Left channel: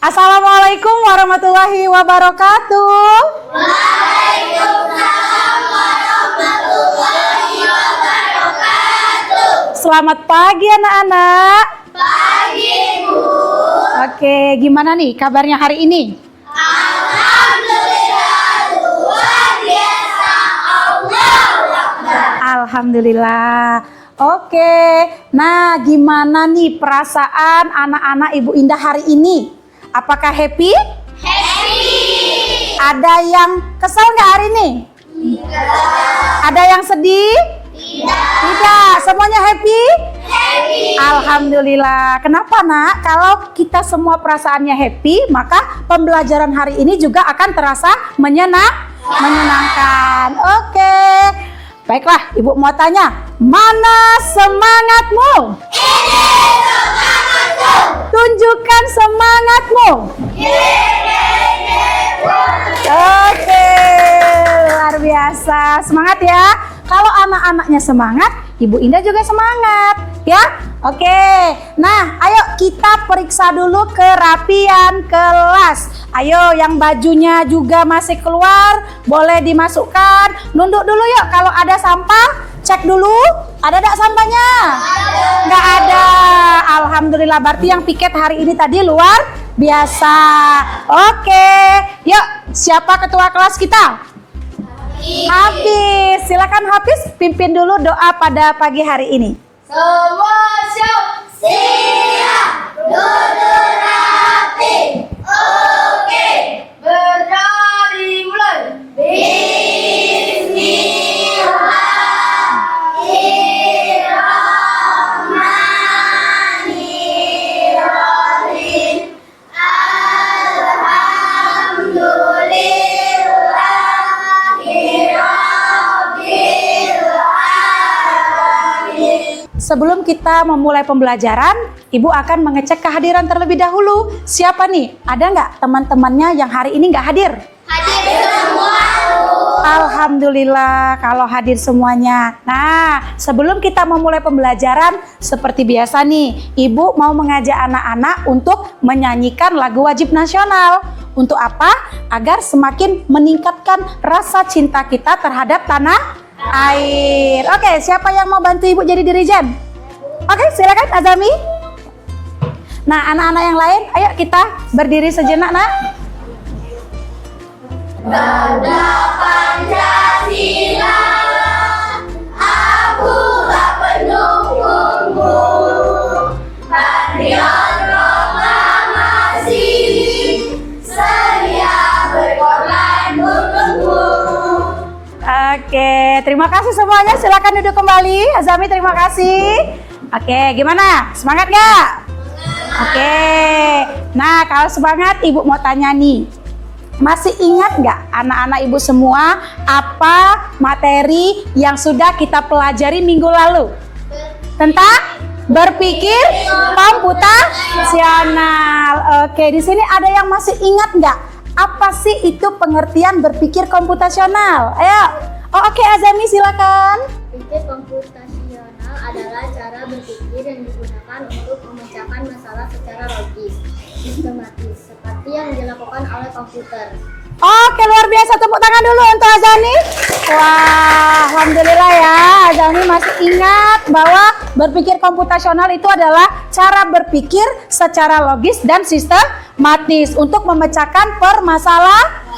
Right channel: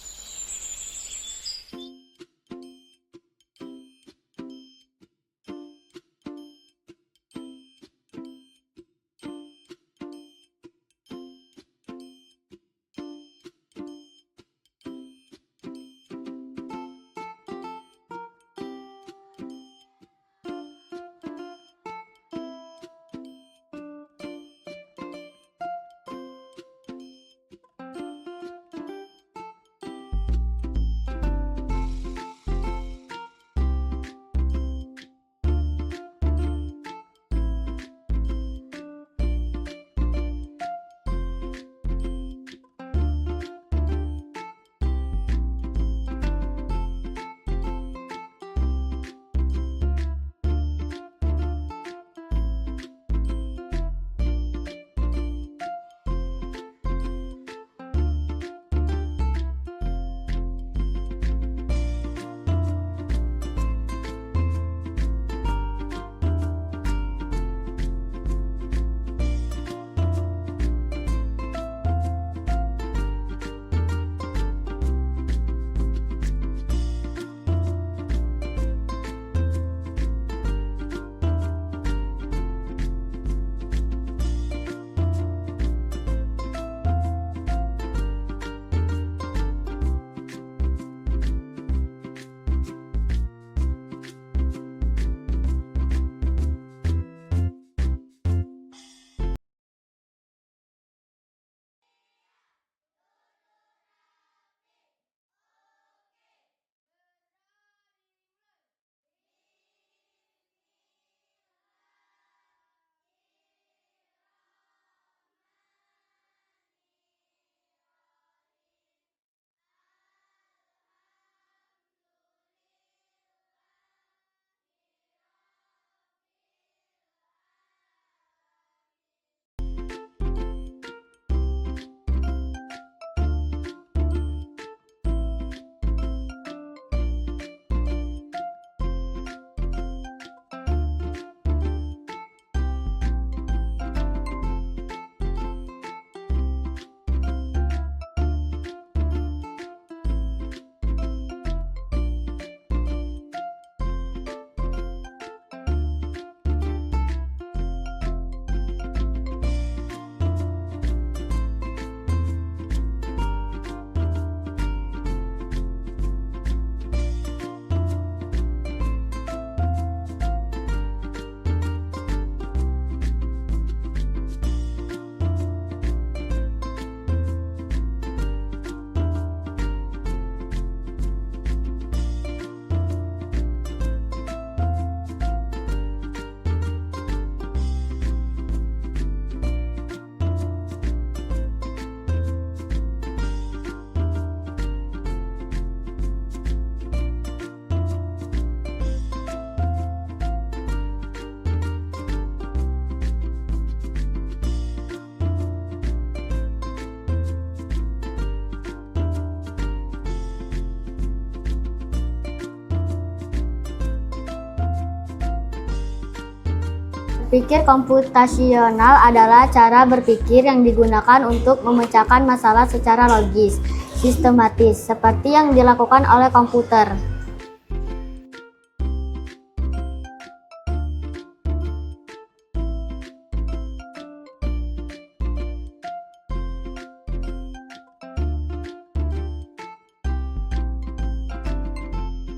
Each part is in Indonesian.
Assalamualaikum warahmatullahi wabarakatuh. Waalaikumsalam warahmatullahi wabarakatuh. Selamat pagi anak-anak. Pagi, Bu. Oke, gimana nih kabarnya hari ini? Alhamdulillah, luar biasa. Allahu Akbar. Alhamdulillah. Oke, nah gimana nih perasaan anak-anak Ibu Indah hari ini? Apakah happy? Happy. Ada yang kesel nggak hari ini? Ada yang sedih? Tidak. Semuanya happy? Happy. Alhamdulillah. Kenapa nak? Kalau kita semua perasaannya happy, maka pembelajaran hari ini juga akan terasa menyenangkan. Oke. Baiklah, Ibu mau tanya, mana semangatmu? Ini semangatku. Tunjukkan semangatmu. Oke, luar biasa. Semangat ya. Kalau anak-anaknya semangat, Ibu Indah juga semangat, ya. Oke. Nah, ayo kita periksa dulu kerapian kelas. Ayo, yang bajunya juga masih keluar, boleh dimasukkan. Nunduk dulu yuk. Kalau ada sampah, cek dulu. Ada enggak sampahnya? Nggak ada. Alhamdulillah, berarti yang piket hari ini tadi luar biasa. Oke. Yuk, siapa ketua kelas kita? Hafiz. Silakan Hafiz pimpin dulu doa pada pagi hari ini. Semua siap. Siap. Duduk rapi. Oke. Berdiri mulai. Bismillahirrahmanirrahim. Alhamdulillahirrahmanirrahim. Sebelum kita memulai pembelajaran, Ibu akan mengecek kehadiran terlebih dahulu. Siapa nih? Ada nggak teman-temannya yang hari ini nggak hadir? Hadir semua. Alhamdulillah kalau hadir semuanya. Nah, sebelum kita memulai pembelajaran, seperti biasa nih, Ibu mau mengajak anak-anak untuk menyanyikan lagu wajib nasional. Untuk apa? Agar semakin meningkatkan rasa cinta kita terhadap tanah air. Oke, siapa yang mau bantu Ibu jadi dirijen? Oke, silakan Azami. Nah, anak-anak yang lain, ayo kita berdiri sejenak, nak. Tanda Pancasila, akulah pendukungmu. Patriot proklamasi, sedia berkorban untukmu. Oke, terima kasih semuanya. Silakan duduk kembali. Azami, terima kasih. Oke, gimana? Semangat nggak? Oke. Nah, kalau semangat, Ibu mau tanya nih. Masih ingat nggak anak-anak Ibu semua apa materi yang sudah kita pelajari minggu lalu? Tentang berpikir komputasional. Oke, di sini ada yang masih ingat nggak? Apa sih itu pengertian berpikir komputasional? Ayo. Oh, oke, Azami silakan. Pikir komputasional adalah cara berpikir yang digunakan untuk memecahkan masalah secara logis, sistematis, seperti yang dilakukan oleh komputer. Oke, luar biasa. Tepuk tangan dulu untuk Azani. Wah, alhamdulillah ya. Azani masih ingat bahwa berpikir komputasional itu adalah cara berpikir secara logis dan sistematis untuk memecahkan permasalahan.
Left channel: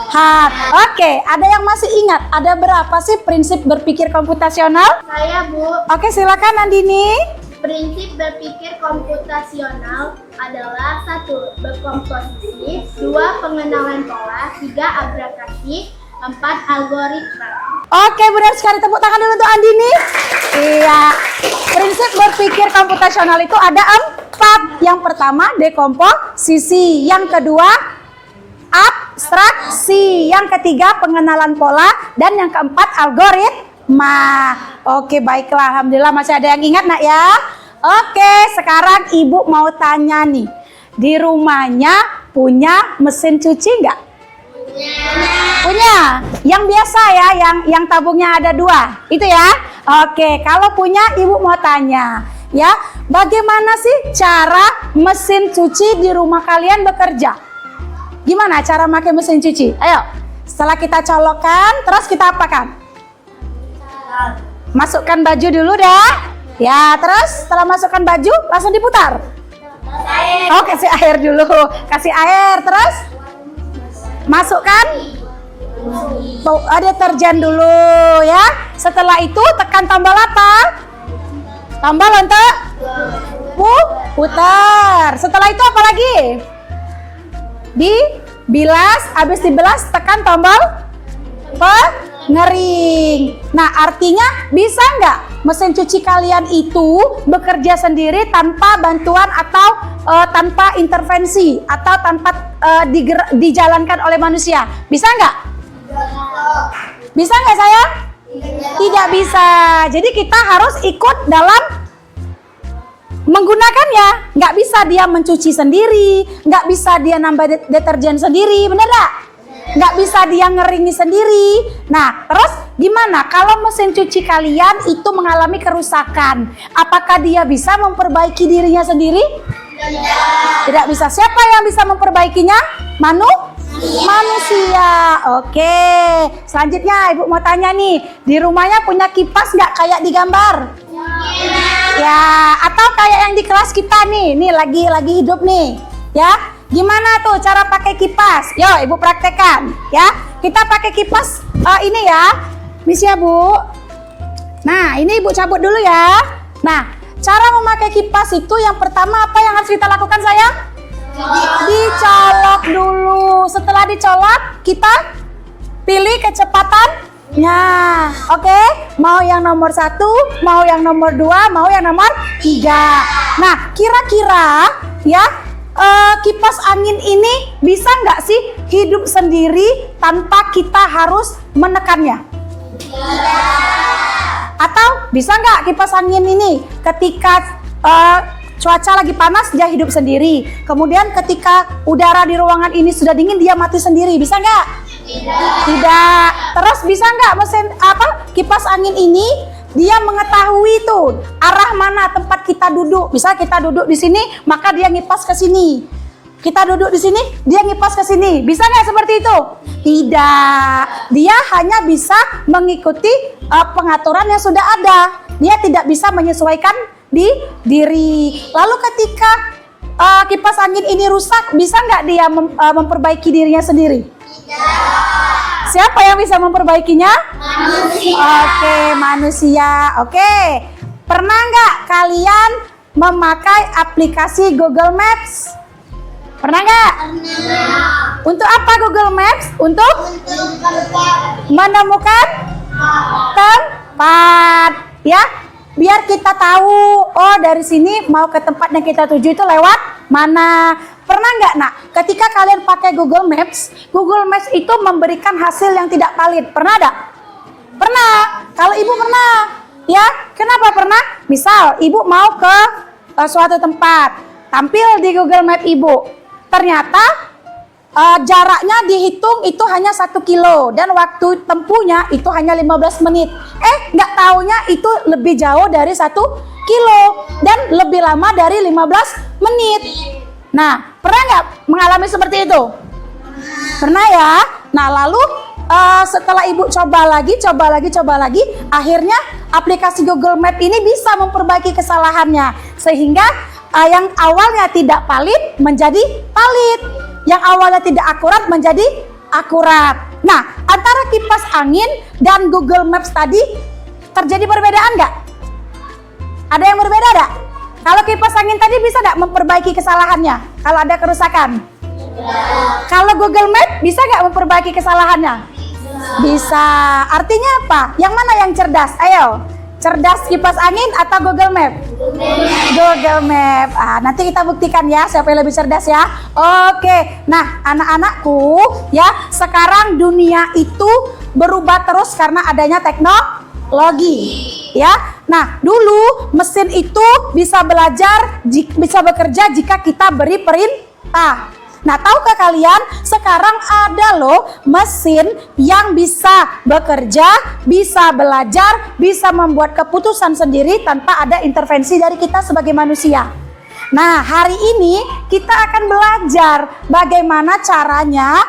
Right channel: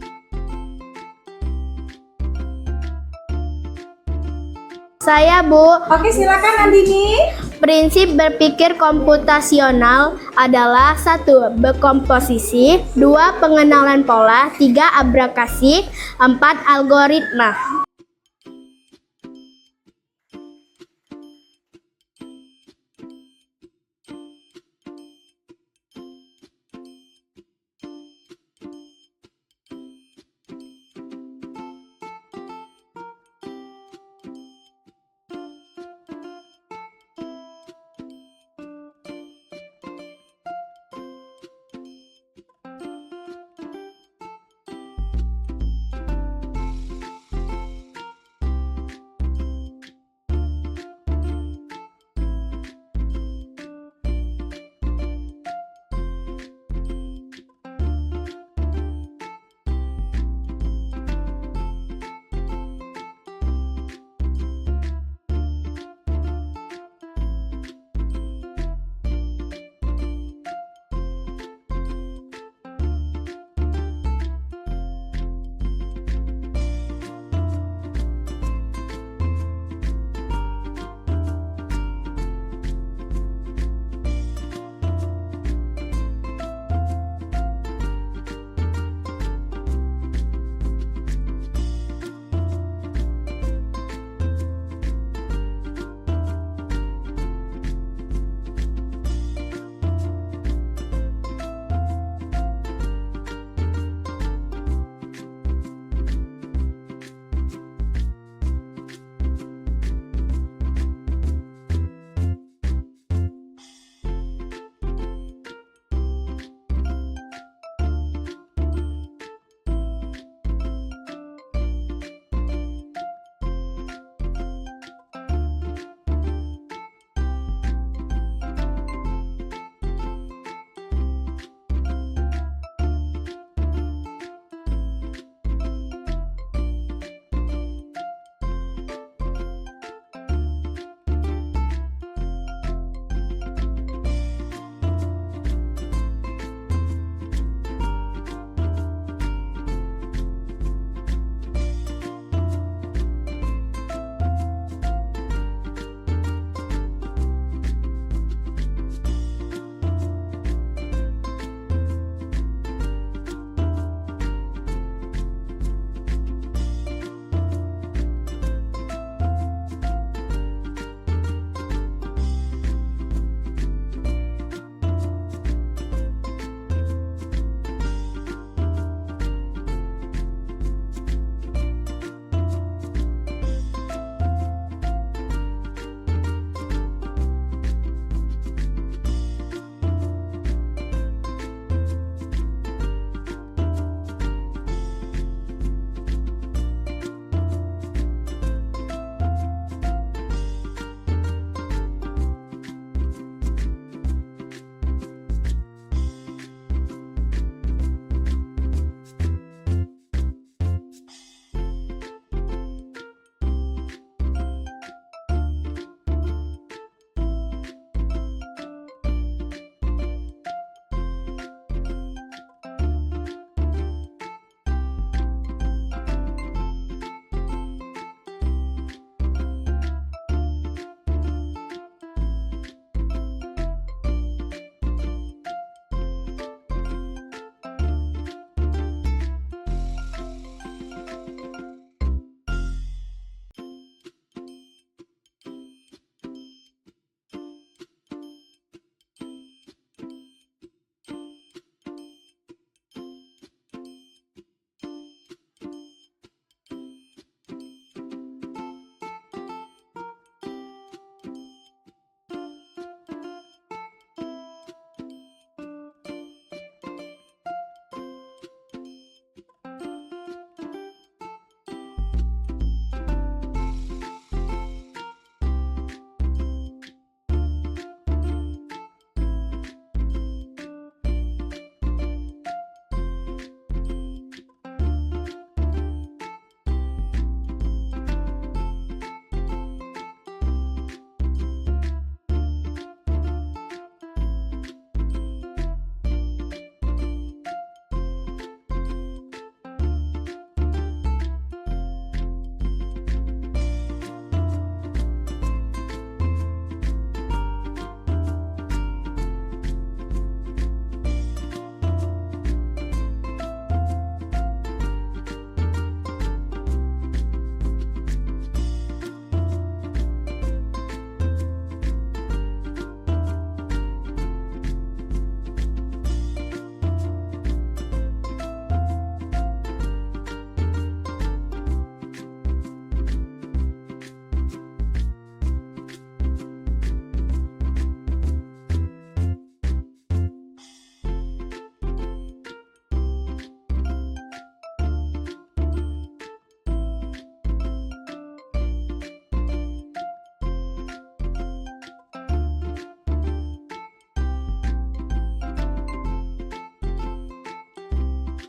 Oke, ada yang masih ingat? Ada berapa sih prinsip berpikir komputasional? Saya, Bu. Oke, silakan Nandini. Prinsip berpikir komputasional adalah 1. Berkomposisi, 2. Pengenalan pola, 3. Abrakasi, 4. Algoritma. Oke, benar sekali. Tepuk tangan dulu untuk Andini. Iya. Prinsip berpikir komputasional itu ada 4. Yang pertama, dekomposisi. Yang kedua, abstraksi. Yang ketiga, pengenalan pola. Dan yang keempat, algoritma. Oke, baiklah. Alhamdulillah masih ada yang ingat, nak ya. Oke, sekarang Ibu mau tanya nih. Di rumahnya punya mesin cuci nggak? Punya. Yang biasa ya, yang tabungnya ada 2. Itu ya. Oke, kalau punya Ibu mau tanya. Ya, bagaimana sih cara mesin cuci di rumah kalian bekerja? Gimana cara pakai mesin cuci? Ayo. Setelah kita colokkan, terus kita apakan? Masukkan baju dulu dah. Ya, terus setelah masukkan baju langsung diputar. Oh, kasih air dulu. Kasih air, terus masukkan deterjen dulu ya. Setelah itu tekan tombol apa? Tombol untuk putar. Setelah itu apa lagi? Dibilas, habis dibilas tekan tombol pengering. Nah, artinya bisa nggak mesin cuci kalian itu bekerja sendiri tanpa bantuan atau tanpa intervensi atau tanpa dijalankan oleh manusia? Bisa nggak? Bisa nggak sayang? Tidak bisa. Jadi kita harus ikut dalam menggunakannya. Nggak bisa dia mencuci sendiri, nggak bisa dia nambah deterjen sendiri, bener nggak? Nggak bisa dia ngeringi sendiri. Nah, terus gimana kalau mesin cuci kalian itu mengalami kerusakan? Apakah dia bisa memperbaiki dirinya sendiri? Tidak bisa. Siapa yang bisa memperbaikinya? Manusia. Oke. Selanjutnya Ibu mau tanya nih, di rumahnya punya kipas nggak kayak di gambar? Ya, atau kayak yang di kelas kita nih lagi hidup nih, ya. Gimana tuh cara pakai kipas? Yo, Ibu praktekkan, ya. Kita pakai kipas ini ya, misi ya Bu. Nah, ini Ibu cabut dulu ya. Nah, cara memakai kipas itu yang pertama apa yang harus kita lakukan sayang? Dicolok dulu. Setelah dicolok, kita pilih kecepatannya. Oke, mau yang nomor 1, mau yang nomor 2, mau yang nomor 3. Nah, kira-kira ya kipas angin ini bisa nggak sih hidup sendiri tanpa kita harus menekannya? Atau bisa nggak kipas angin ini ketika cuaca lagi panas dia hidup sendiri, kemudian ketika udara di ruangan ini sudah dingin dia mati sendiri, bisa nggak? Tidak. Terus bisa nggak mesin kipas angin ini dia mengetahui tuh arah mana tempat kita duduk. Bisa kita duduk di sini, maka dia ngipas ke sini. Kita duduk di sini, dia ngipas ke sini. Bisa nggak seperti itu? Tidak. Dia hanya bisa mengikuti pengaturan yang sudah ada. Dia tidak bisa menyesuaikan diri. Lalu ketika kipas angin ini rusak, bisa nggak dia memperbaiki dirinya sendiri? Siapa yang bisa memperbaikinya? Manusia. Oke, manusia. Oke. Pernah nggak kalian memakai aplikasi Google Maps? Pernah nggak? Untuk apa Google Maps? Untuk menemukan tempat, ya. Biar kita tahu, oh dari sini mau ke tempat yang kita tuju itu lewat mana. Pernah nggak nak, ketika kalian pakai Google Maps itu memberikan hasil yang tidak valid. Pernah nggak? Pernah. Kalau ibu pernah, ya. Kenapa pernah? Misal ibu mau ke suatu tempat, tampil di Google Map ibu, ternyata jaraknya dihitung itu hanya 1 kilo dan waktu tempuhnya itu hanya 15 menit. Nggak taunya itu lebih jauh dari 1 kilo dan lebih lama dari 15 menit. Nah, pernah nggak mengalami seperti itu? Pernah ya? Nah, lalu setelah ibu coba lagi, akhirnya aplikasi Google Map ini bisa memperbaiki kesalahannya. Sehingga yang awalnya tidak valid menjadi valid. Yang awalnya tidak akurat menjadi akurat. Nah, antara kipas angin dan Google Maps tadi terjadi perbedaan nggak? Ada yang berbeda nggak? Kalau kipas angin tadi bisa nggak memperbaiki kesalahannya kalau ada kerusakan? Kalau Google Map bisa nggak memperbaiki kesalahannya? Bisa. Artinya apa? Yang mana yang cerdas? Ayo. Cerdas kipas angin atau Google Map? Google Map. Nanti kita buktikan ya siapa yang lebih cerdas ya. Oke. Nah, anak-anakku ya, sekarang dunia itu berubah terus karena adanya teknologi. Ya. Nah, dulu mesin itu bisa bekerja jika kita beri perintah. Nah, tahukah kalian sekarang ada loh mesin yang bisa bekerja, bisa belajar, bisa membuat keputusan sendiri tanpa ada intervensi dari kita sebagai manusia. Nah, hari ini kita akan belajar bagaimana caranya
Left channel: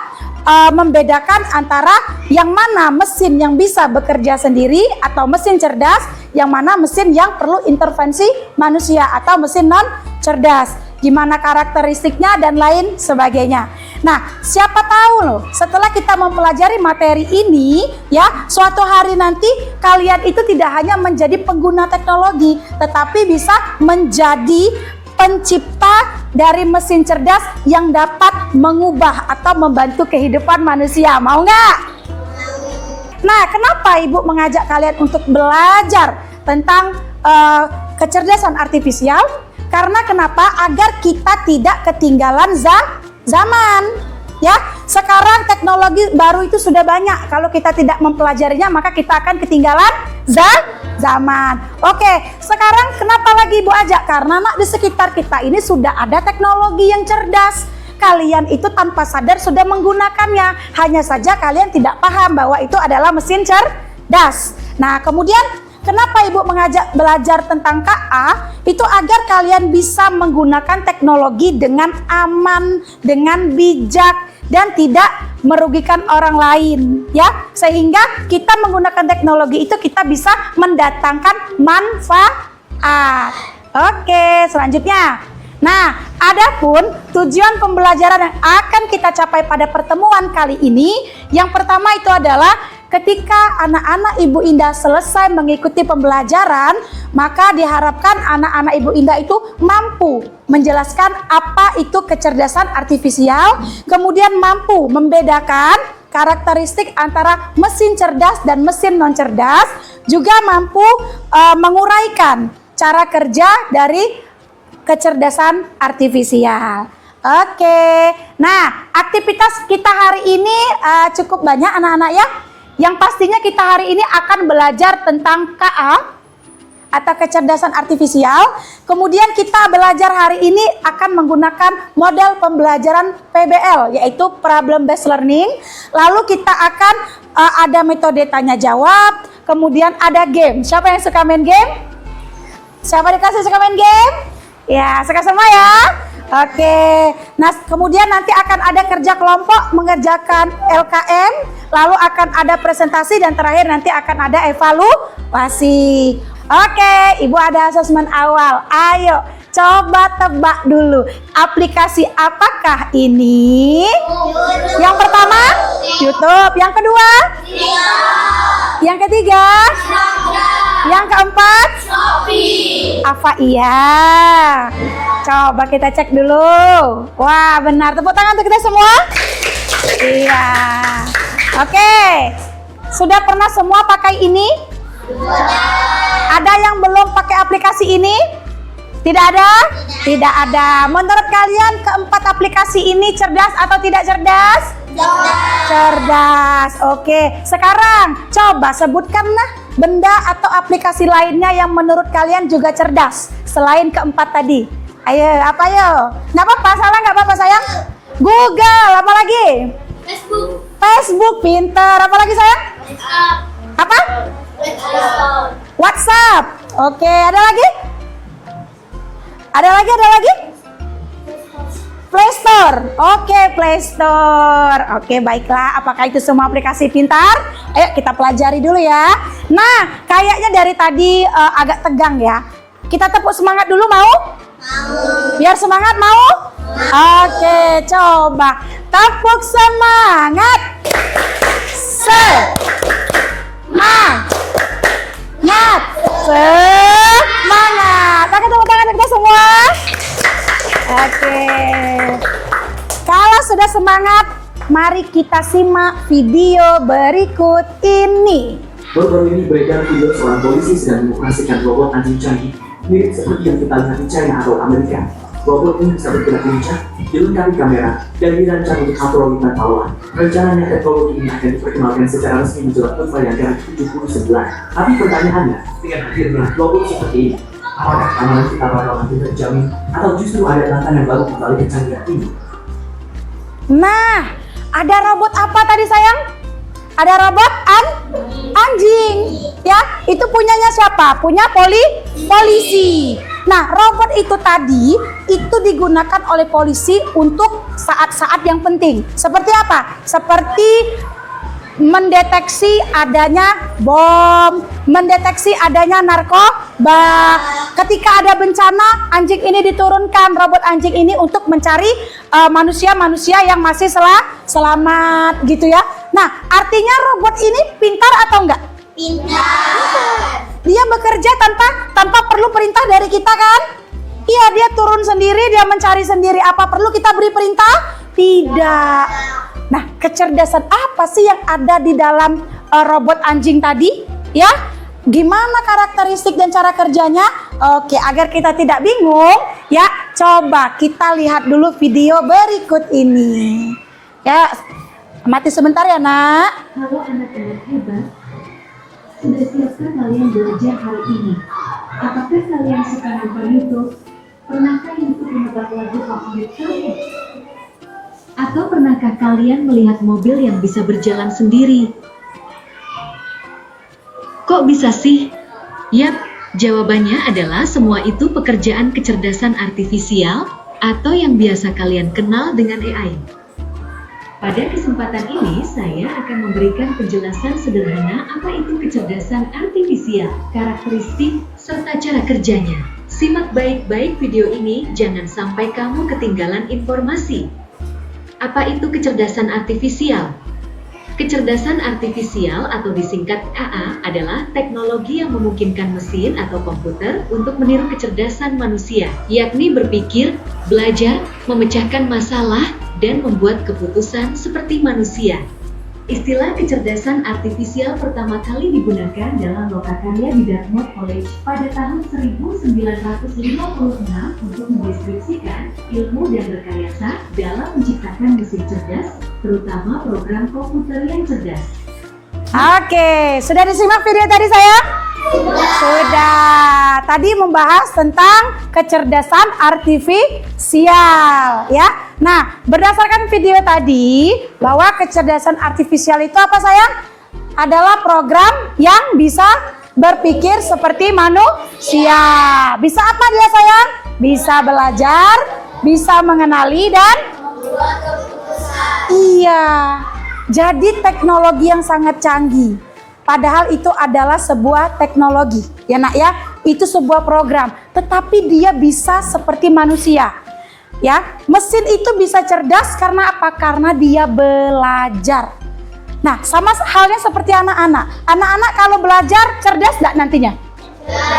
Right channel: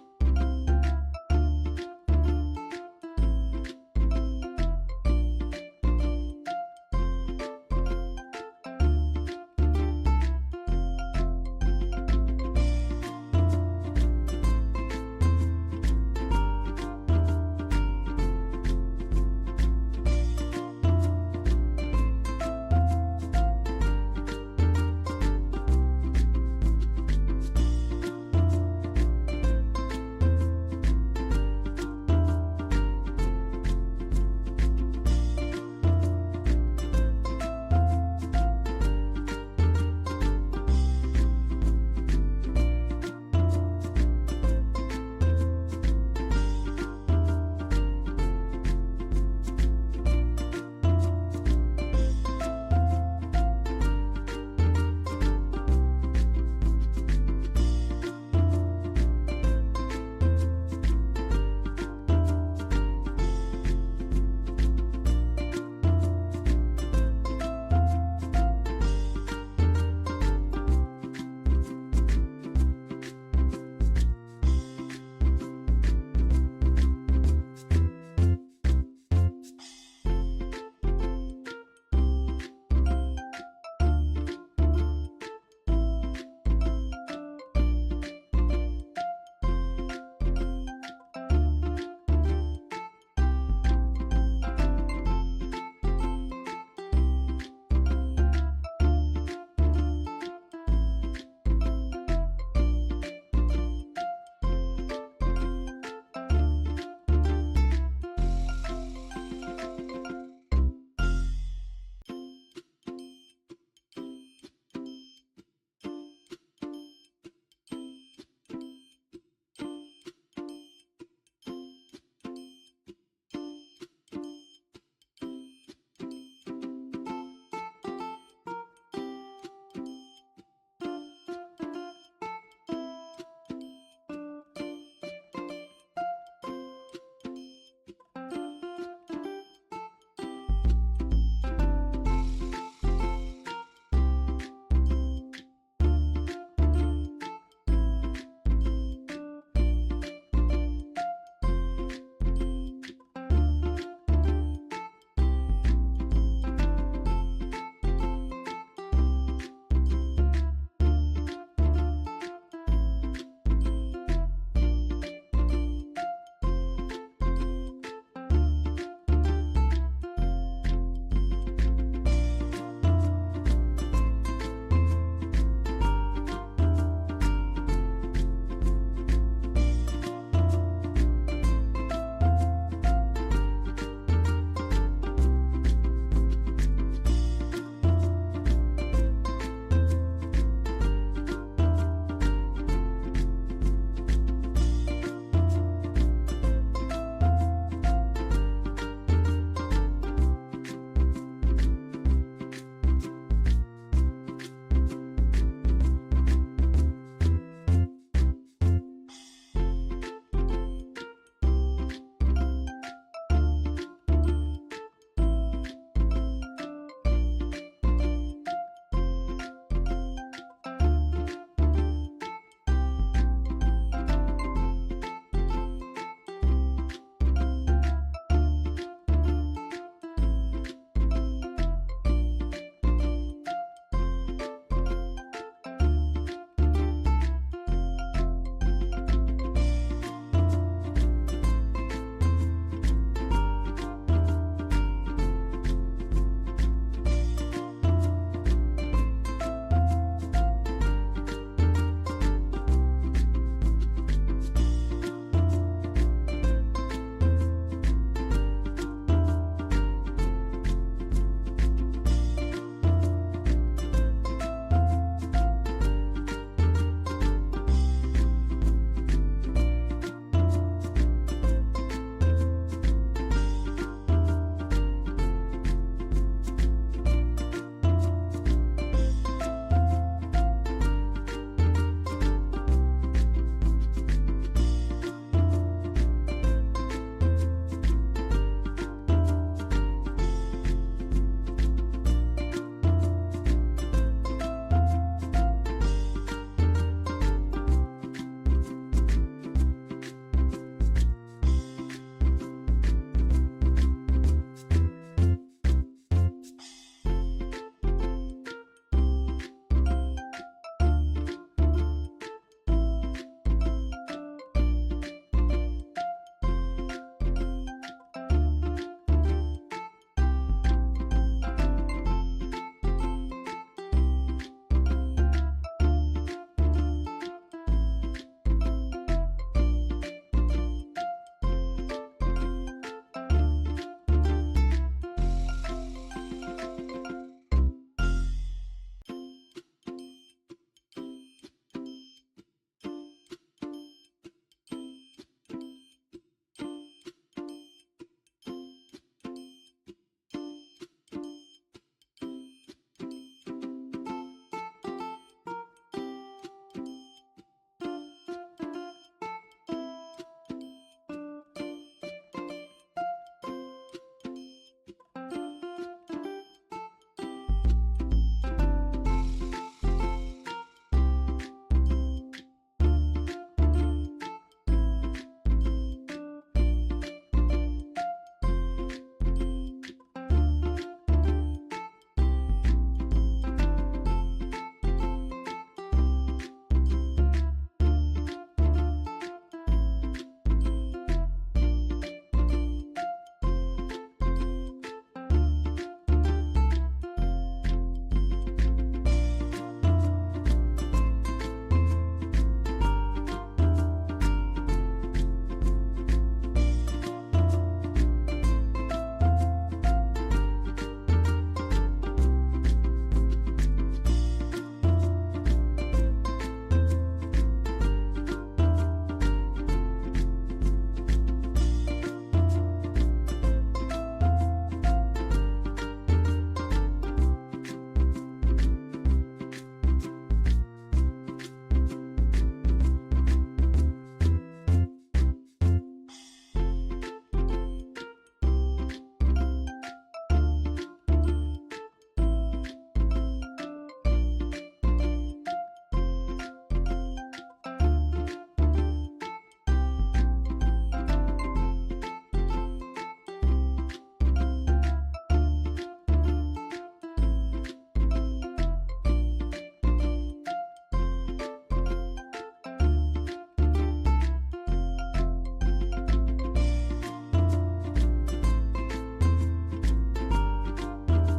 membedakan antara yang mana mesin yang bisa bekerja sendiri atau mesin cerdas, yang mana mesin yang perlu intervensi manusia atau mesin non cerdas. Gimana karakteristiknya dan lain sebagainya. Nah, siapa tahu loh, setelah kita mempelajari materi ini, ya, suatu hari nanti kalian itu tidak hanya menjadi pengguna teknologi, tetapi bisa menjadi pencipta dari mesin cerdas yang dapat mengubah atau membantu kehidupan manusia. Mau nggak? Nah, kenapa Ibu mengajak kalian untuk belajar tentang kecerdasan artifisial? Karena kenapa? Agar kita tidak ketinggalan zaman. Ya, sekarang teknologi baru itu sudah banyak. Kalau kita tidak mempelajarinya, maka kita akan ketinggalan zaman. Oke, sekarang kenapa lagi Ibu ajak? Karena di sekitar kita ini sudah ada teknologi yang cerdas. Kalian itu tanpa sadar sudah menggunakannya. Hanya saja kalian tidak paham bahwa itu adalah mesin cerdas. Nah, kemudian kenapa Ibu mengajak belajar tentang KA? Itu agar kalian bisa menggunakan teknologi dengan aman, dengan bijak, dan tidak merugikan orang lain, ya. Sehingga kita menggunakan teknologi itu kita bisa mendatangkan manfaat. Oke, selanjutnya. Nah, adapun tujuan pembelajaran yang akan kita capai pada pertemuan kali ini, yang pertama itu adalah ketika anak-anak Ibu Indah selesai mengikuti pembelajaran, maka diharapkan anak-anak Ibu Indah itu mampu menjelaskan apa itu kecerdasan artifisial, kemudian mampu membedakan karakteristik antara mesin cerdas dan mesin non cerdas, juga mampu menguraikan cara kerja dari kecerdasan artifisial. Oke, nah aktivitas kita hari ini cukup banyak anak-anak ya. Yang pastinya kita hari ini akan belajar tentang KA atau kecerdasan artifisial. Kemudian kita belajar hari ini akan menggunakan model pembelajaran PBL, yaitu problem based learning. Lalu kita akan ada metode tanya jawab, kemudian ada game. Siapa yang suka main game? Siapa dikasih suka main game? Ya, suka semua ya. Oke. Nah, kemudian nanti akan ada kerja kelompok mengerjakan LKM, lalu akan ada presentasi dan terakhir nanti akan ada evaluasi. Oke, Ibu ada asesmen awal. Ayo, coba tebak dulu. Aplikasi apakah ini? Yang pertama, YouTube. Yang kedua? Yang ketiga? Yang keempat? Apa iya? Coba kita cek dulu. Wah, benar. Tepuk tangan untuk kita semua. Iya. Oke. Sudah pernah semua pakai ini? Ada yang belum pakai aplikasi ini? Tidak ada? Tidak ada. Menurut kalian keempat aplikasi ini cerdas atau tidak cerdas? Cerdas. Oke. Sekarang coba sebutkanlah benda atau aplikasi lainnya yang menurut kalian juga cerdas selain keempat tadi. Ayo, apa yo? Nggak apa-apa, salah nggak apa-apa sayang. Google, apa lagi? Facebook, pinter. Apa lagi sayang? Apa? WhatsApp. Oke, ada lagi? Ada lagi? Play Store. Oke, Play Store. Oke, baiklah. Apakah itu semua aplikasi pintar? Ayo kita pelajari dulu ya. Nah, kayaknya dari tadi agak tegang ya. Kita tepuk semangat dulu, mau? Biar semangat, mau? Oke, coba. Tepuk semangat. Semangat. Pakai tepuk tangan kita semua. Oke. Kalau sudah semangat, mari kita simak video berikut ini. Baru-baru ini beredar video seorang polisi sedang mengoperasikan robot anjing canggih mirip seperti yang kita lihat di China atau Amerika. Robot ini bisa bergerak lincah, dilengkapi kamera, dan dirancang untuk patroli pantauan. Rencananya teknologi ini akan diperkenalkan secara resmi menjelang perayaan 79. Tapi pertanyaannya, dengan hadirnya robot seperti ini, apakah keamanan kita bakal nanti terjamin atau justru ada tantangan baru kembali kecanggihan ini? Nah, ada robot apa tadi sayang? Ada robot anjing. Ya, itu punyanya siapa? Punya polisi. Nah, robot itu tadi itu digunakan oleh polisi untuk saat-saat yang penting. Seperti apa? Seperti mendeteksi adanya bom, mendeteksi adanya narkoba. Ketika ada bencana, anjing ini diturunkan, robot anjing ini untuk mencari manusia-manusia yang masih selamat gitu ya. Nah, artinya robot ini pintar atau enggak? Pintar. Dia bekerja tanpa perlu perintah dari kita kan? Iya, dia turun sendiri, dia mencari sendiri. Apa perlu kita beri perintah? Tidak. Nah, kecerdasan apa sih yang ada di dalam robot anjing tadi? Ya, gimana karakteristik dan cara kerjanya? Oke, agar kita tidak bingung, ya, coba kita lihat dulu video berikut ini. Ya, mati sebentar ya, Nak. Kalau anak-anak hebat, sudah siapkah kalian belajar hari ini? Apakah kalian suka nonton YouTube? Pernahkah YouTube menebak lagu favorit kalian? Atau pernahkah kalian melihat mobil yang bisa berjalan sendiri? Kok bisa sih? Yap, jawabannya adalah semua itu pekerjaan kecerdasan artifisial atau yang biasa kalian kenal dengan AI. Pada kesempatan ini, saya akan memberikan penjelasan sederhana apa itu kecerdasan artifisial, karakteristik, serta cara kerjanya. Simak baik-baik video ini, jangan sampai kamu ketinggalan informasi. Apa itu kecerdasan artifisial? Kecerdasan artifisial atau disingkat AA adalah teknologi yang memungkinkan mesin atau komputer untuk meniru kecerdasan manusia, yakni berpikir, belajar, memecahkan masalah, dan membuat keputusan seperti manusia. Istilah kecerdasan artifisial pertama kali digunakan dalam lokakarya di Dartmouth College pada tahun 1956 untuk mendeskripsikan ilmu dan berkarya dalam menciptakan mesin cerdas, terutama program komputer yang cerdas. Oke, sudah disimak video tadi sayang? Sudah. Tadi membahas tentang kecerdasan artifisial, ya. Nah, berdasarkan video tadi bahwa kecerdasan artifisial itu apa sayang? Adalah program yang bisa berpikir seperti manusia. Bisa apa dia sayang? Bisa belajar, bisa mengenali dan iya. Jadi teknologi yang sangat canggih. Padahal itu adalah sebuah teknologi, ya Nak ya. Itu sebuah program, tetapi dia bisa seperti manusia. Ya, mesin itu bisa cerdas karena apa? Karena dia belajar. Nah, sama halnya seperti anak-anak. Anak-anak kalau belajar cerdas enggak nantinya?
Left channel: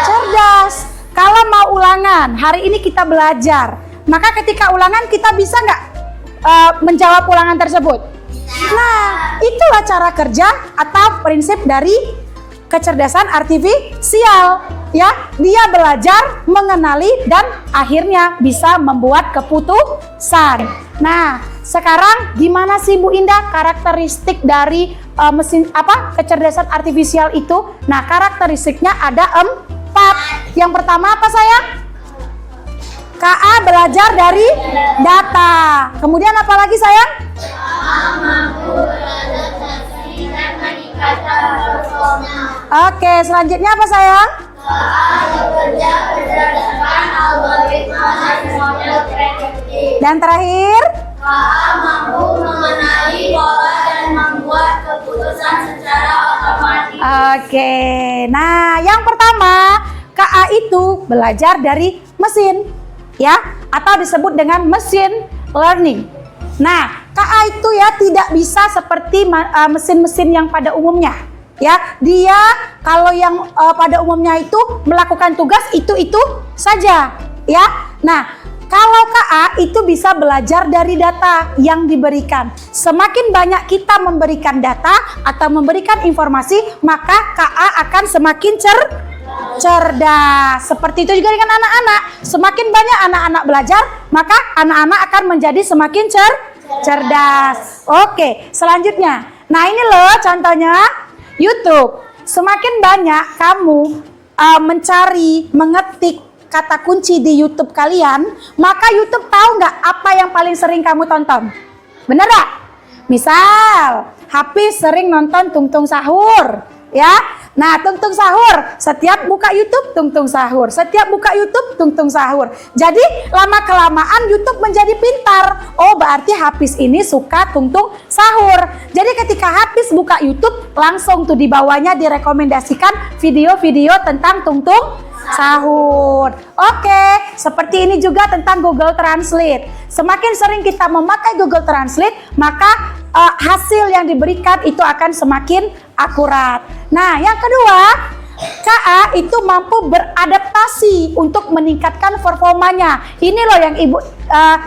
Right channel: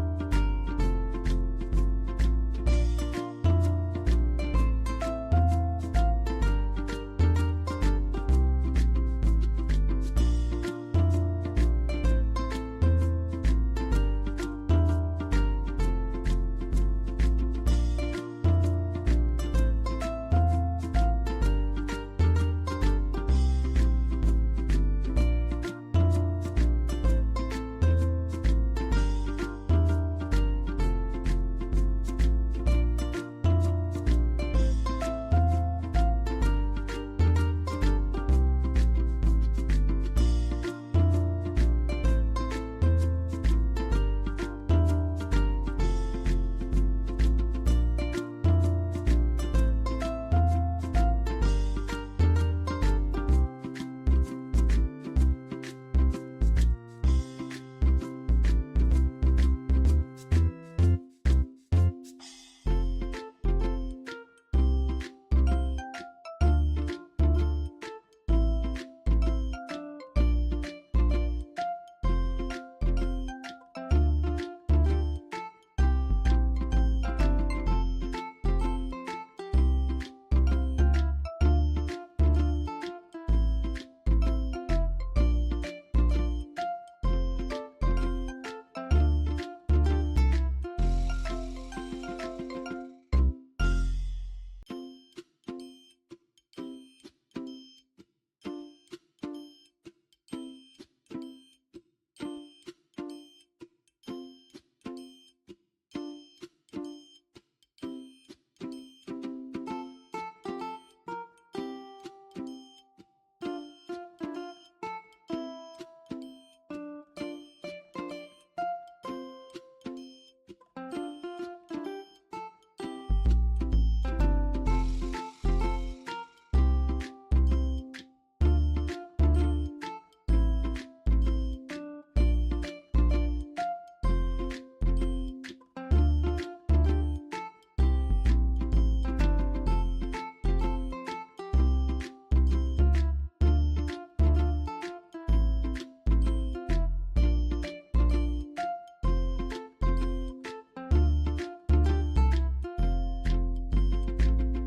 Cerdas. Kalau mau ulangan, hari ini kita belajar. Maka ketika ulangan kita bisa enggak menjawab ulangan tersebut? Nah, itulah cara kerja atau prinsip dari kecerdasan artifisial. Ya, dia belajar, mengenali, dan akhirnya bisa membuat keputusan. Nah, sekarang gimana sih Bu Indah karakteristik dari mesin kecerdasan artifisial itu? Nah, karakteristiknya ada 4. Yang pertama apa sayang? KA belajar dari data. Kemudian apa lagi sayang? Oke, selanjutnya apa sayang? Dan terakhir? mampu mengenali pola dan membuat keputusan secara otomatis. Oke, nah yang pertama KA itu belajar dari mesin, ya, atau disebut dengan machine learning. Nah, KA itu ya tidak bisa seperti mesin-mesin yang pada umumnya. Ya, dia kalau yang pada umumnya itu melakukan tugas itu saja, ya. Nah, kalau KA itu bisa belajar dari data yang diberikan. Semakin banyak kita memberikan data atau memberikan informasi, maka KA akan semakin cerdas. Seperti itu juga dengan anak-anak. Semakin banyak anak-anak belajar, maka anak-anak akan menjadi semakin cerdas. Oke, selanjutnya. Nah, ini loh contohnya YouTube. Semakin banyak kamu mencari, mengetik kata kunci di YouTube kalian, maka YouTube tahu nggak apa yang paling sering kamu tonton? Bener nggak? Misal, Hafiz sering nonton Tung Tung Sahur, ya. Nah, tungtung sahur. Setiap buka YouTube, tungtung sahur. Setiap buka YouTube, tungtung sahur. Jadi, lama-kelamaan YouTube menjadi pintar. Oh, berarti Hafiz ini suka tungtung sahur. Jadi, ketika Hafiz buka YouTube, langsung tuh di bawahnya direkomendasikan video-video tentang tungtung sahur. Oke, seperti ini juga tentang Google Translate. Semakin sering kita memakai Google Translate, maka hasil yang diberikan itu akan semakin akurat. Nah, yang kedua, KA itu mampu beradaptasi untuk meningkatkan performanya. Ini loh yang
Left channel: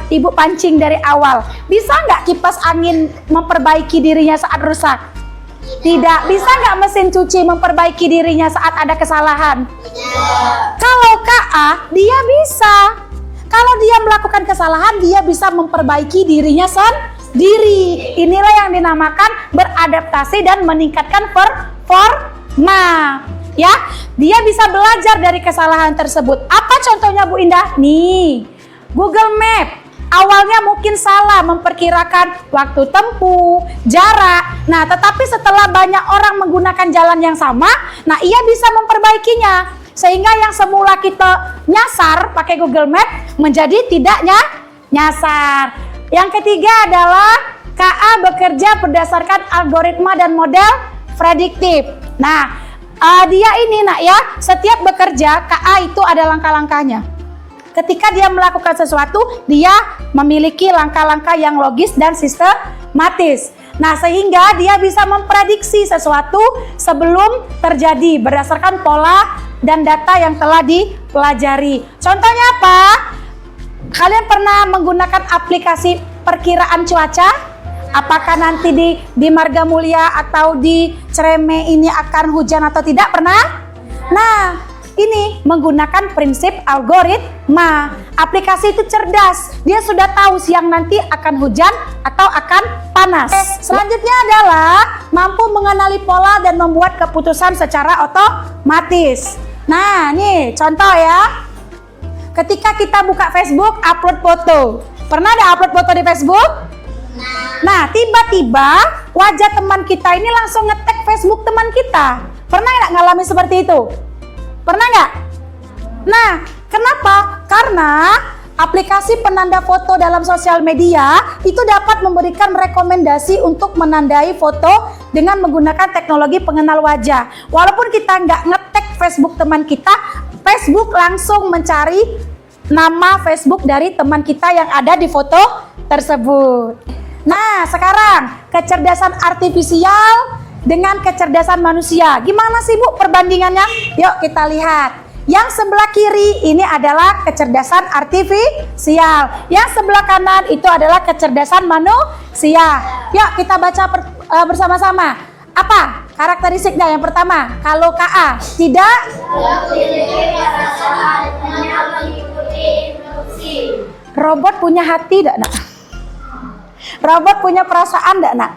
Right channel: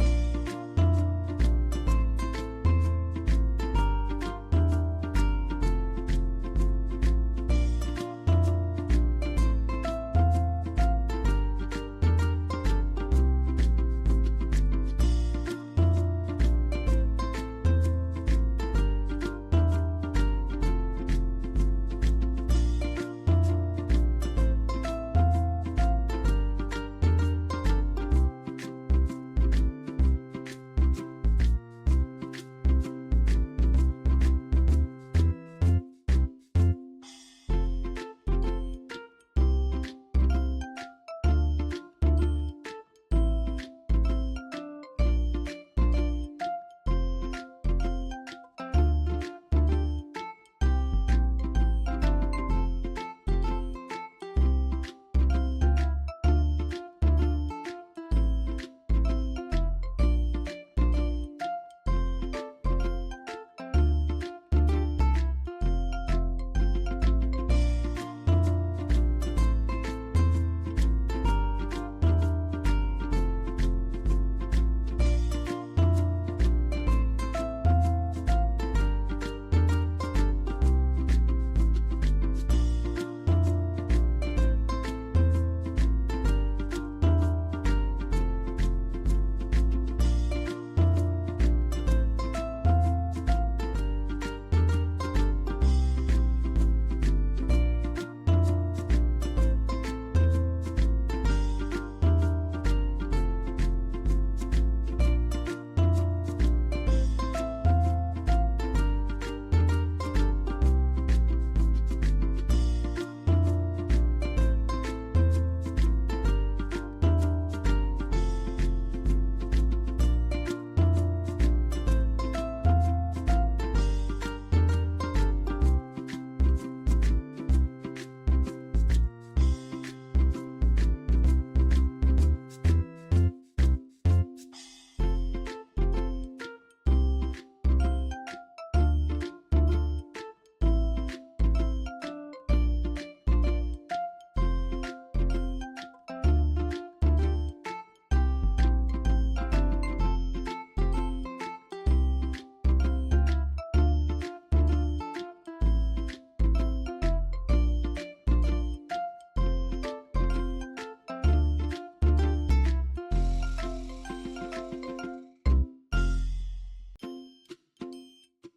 ibu pancing dari awal. Bisa nggak kipas angin memperbaiki dirinya saat rusak? Tidak. Bisa nggak mesin cuci memperbaiki dirinya saat ada kesalahan? Kalau KA, dia bisa. Kalau dia melakukan kesalahan, dia bisa memperbaiki dirinya sendiri. Inilah yang dinamakan beradaptasi dan meningkatkan performa. Ya, dia bisa belajar dari kesalahan tersebut. Apa contohnya Bu Indah? Nih, Google Map. Awalnya mungkin salah memperkirakan waktu tempuh, jarak. Nah, tetapi setelah banyak orang menggunakan jalan yang sama, nah ia bisa memperbaikinya. Sehingga yang semula kita nyasar pakai Google Map menjadi tidak nyasar. Yang ketiga adalah KA bekerja berdasarkan algoritma dan model prediktif. Nah, dia ini nak ya, setiap bekerja KA itu ada langkah-langkahnya. Ketika dia melakukan sesuatu, dia memiliki langkah-langkah yang logis dan sistematis. Nah, sehingga dia bisa memprediksi sesuatu sebelum terjadi berdasarkan pola dan data yang telah dipelajari. Contohnya apa? Kalian pernah menggunakan aplikasi perkiraan cuaca? Apakah nanti di Marga Mulia atau di Cereme ini akan hujan atau tidak? Pernah? Nah, ini menggunakan prinsip algoritma. Aplikasi itu cerdas. Dia sudah tahu siang nanti akan hujan atau akan panas. Selanjutnya adalah mampu mengenali pola dan membuat keputusan secara otomatis. Nah, nih contoh ya. Ketika kita buka Facebook, upload foto. Pernah ada upload foto di Facebook? Nah, tiba-tiba wajah teman kita ini langsung nge-tag Facebook teman kita. Pernah nggak ngalami seperti itu? Pernah nggak? Nah, kenapa? Karena aplikasi penanda foto dalam sosial media itu dapat memberikan rekomendasi untuk menandai foto dengan menggunakan teknologi pengenal wajah. Walaupun kita nggak nge-tag Facebook teman kita, Facebook langsung mencari nama Facebook dari teman kita yang ada di foto tersebut. Nah, sekarang kecerdasan artifisial dengan kecerdasan manusia. Gimana sih Bu perbandingannya? Yuk kita lihat. Yang sebelah kiri ini adalah kecerdasan artifisial. Yang sebelah kanan itu adalah kecerdasan manusia. Yuk kita baca bersama-sama. Apa karakteristiknya? Yang pertama, kalau KA tidak robot punya hati enggak, Nak? Robot punya perasaan enggak, Nak?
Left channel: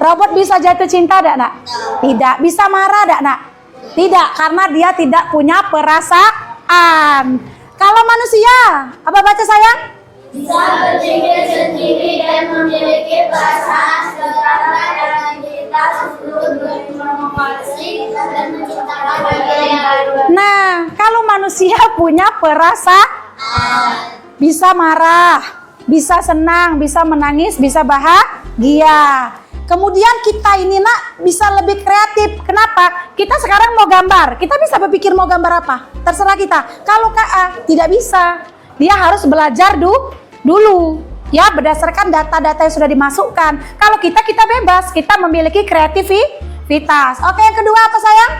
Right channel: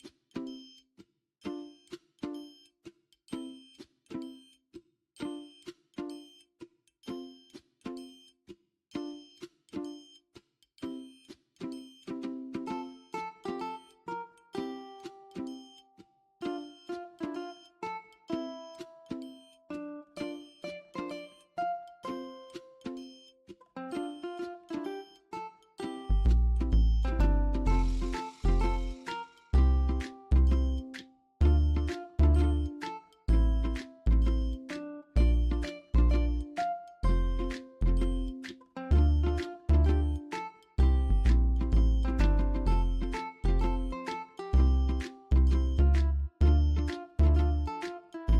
Robot bisa jatuh cinta enggak, Nak? Tidak. Bisa marah enggak, Nak? Tidak, karena dia tidak punya perasaan. Kalau manusia, apa baca sayang? Bisa berpikir sendiri dan memiliki perasaan serta dalam kita sebelum berinovasi dan menciptakan hal yang baru. Nah, kalau manusia punya perasaan, bisa marah, bisa senang, bisa menangis, bisa bahagia. Kemudian kita ini Nak bisa lebih kreatif. Kenapa? Kita sekarang mau gambar, kita bisa berpikir mau gambar apa, terserah kita. Kalau KA tidak bisa, dia harus belajar dulu ya, berdasarkan data-data yang sudah dimasukkan. Kalau kita bebas, kita memiliki kreativitas. Oke, yang kedua apa sayang?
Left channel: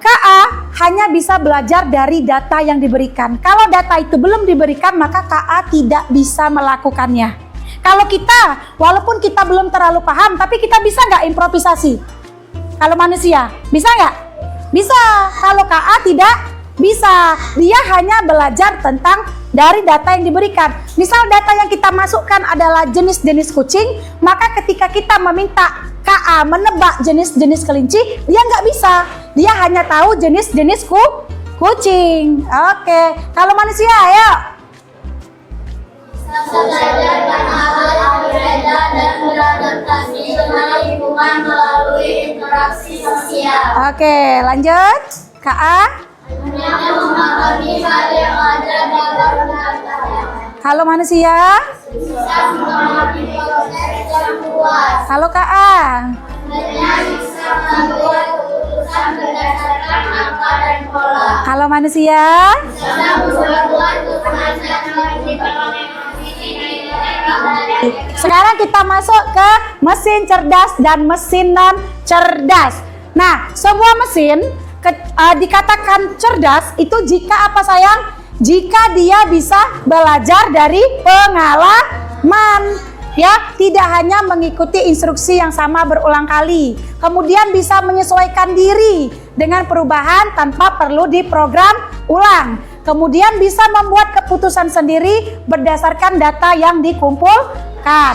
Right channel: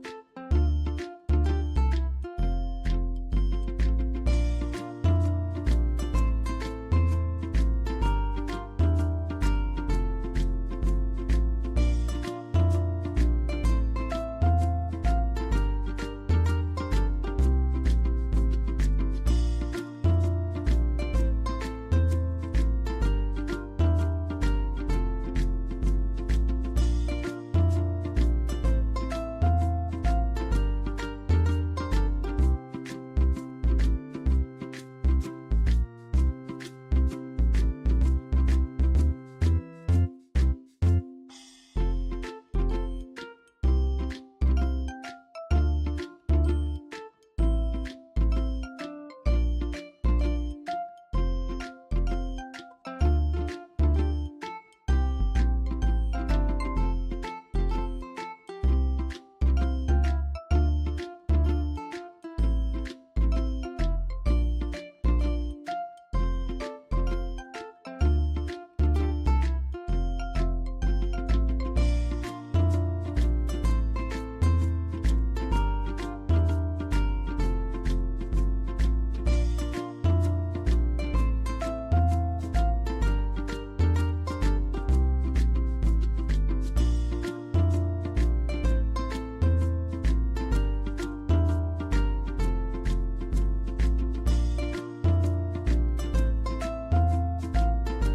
KA hanya bisa belajar dari data yang diberikan. Kalau data itu belum diberikan, maka KA tidak bisa melakukannya. Kalau kita, walaupun kita belum terlalu paham, tapi kita bisa nggak improvisasi? Kalau manusia, bisa nggak? Bisa. Kalau KA tidak bisa. Dia hanya belajar tentang dari data yang diberikan. Misal data yang kita masukkan adalah jenis-jenis kucing, maka ketika kita meminta KA menebak jenis-jenis kelinci, dia nggak bisa. Dia hanya tahu jenis-jenis kucing. Oke, kalau manusia, ayo. Belajar, menghafal, berbeda, dan beradaptasi. bukan melalui interaksi sosial. Oke, lanjut. Kak A. Hanya memahami hal yang ada dalam data. Halo manusia. Bisa memahami proses yang luas. Halo Kak A. Hanya bisa membuat keputusan berdasarkan angka dan pola. Halo manusia. Bisa membuat keputusan yang dipakai. Sekarang kita masuk ke mesin cerdas dan mesin non cerdas. Nah, sebuah mesin dikatakan cerdas itu jika apa sayang? Jika dia bisa belajar dari pengalaman, ya, tidak hanya mengikuti instruksi yang sama berulang kali. Kemudian bisa menyesuaikan diri dengan perubahan tanpa perlu diprogram ulang. Kemudian bisa membuat keputusan sendiri berdasarkan data yang dikumpulkan.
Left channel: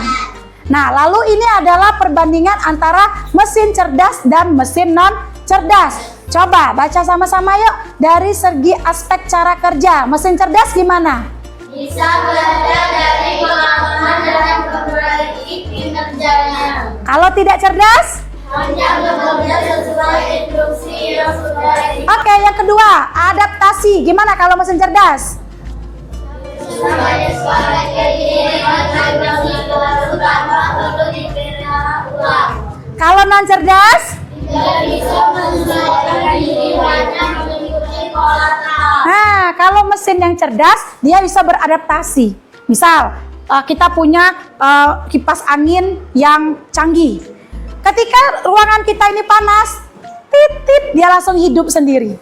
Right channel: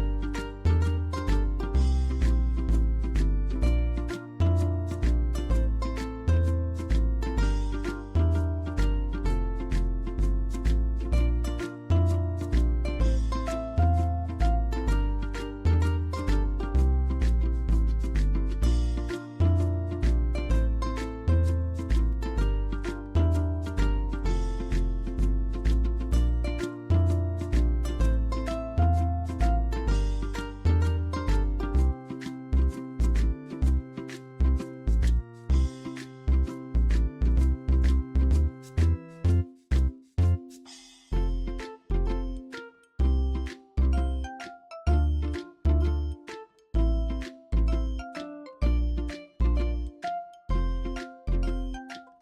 Nah, lalu ini adalah perbandingan antara mesin cerdas dan mesin non cerdas. Coba baca sama-sama yuk dari segi aspek cara kerja. Mesin cerdas gimana? Bisa belajar dari pengalaman dan memperbaiki kinerjanya. Kalau tidak cerdas? Hanya bekerja sesuai instruksi yang sudah Oke, yang kedua, adaptasi. Gimana kalau mesin cerdas? Kalau non cerdas? Nah, kalau mesin yang cerdas, dia bisa beradaptasi. Misal, kita punya kipas angin yang canggih. Ketika ruangan kita ini panas, tit, dia langsung hidup sendiri.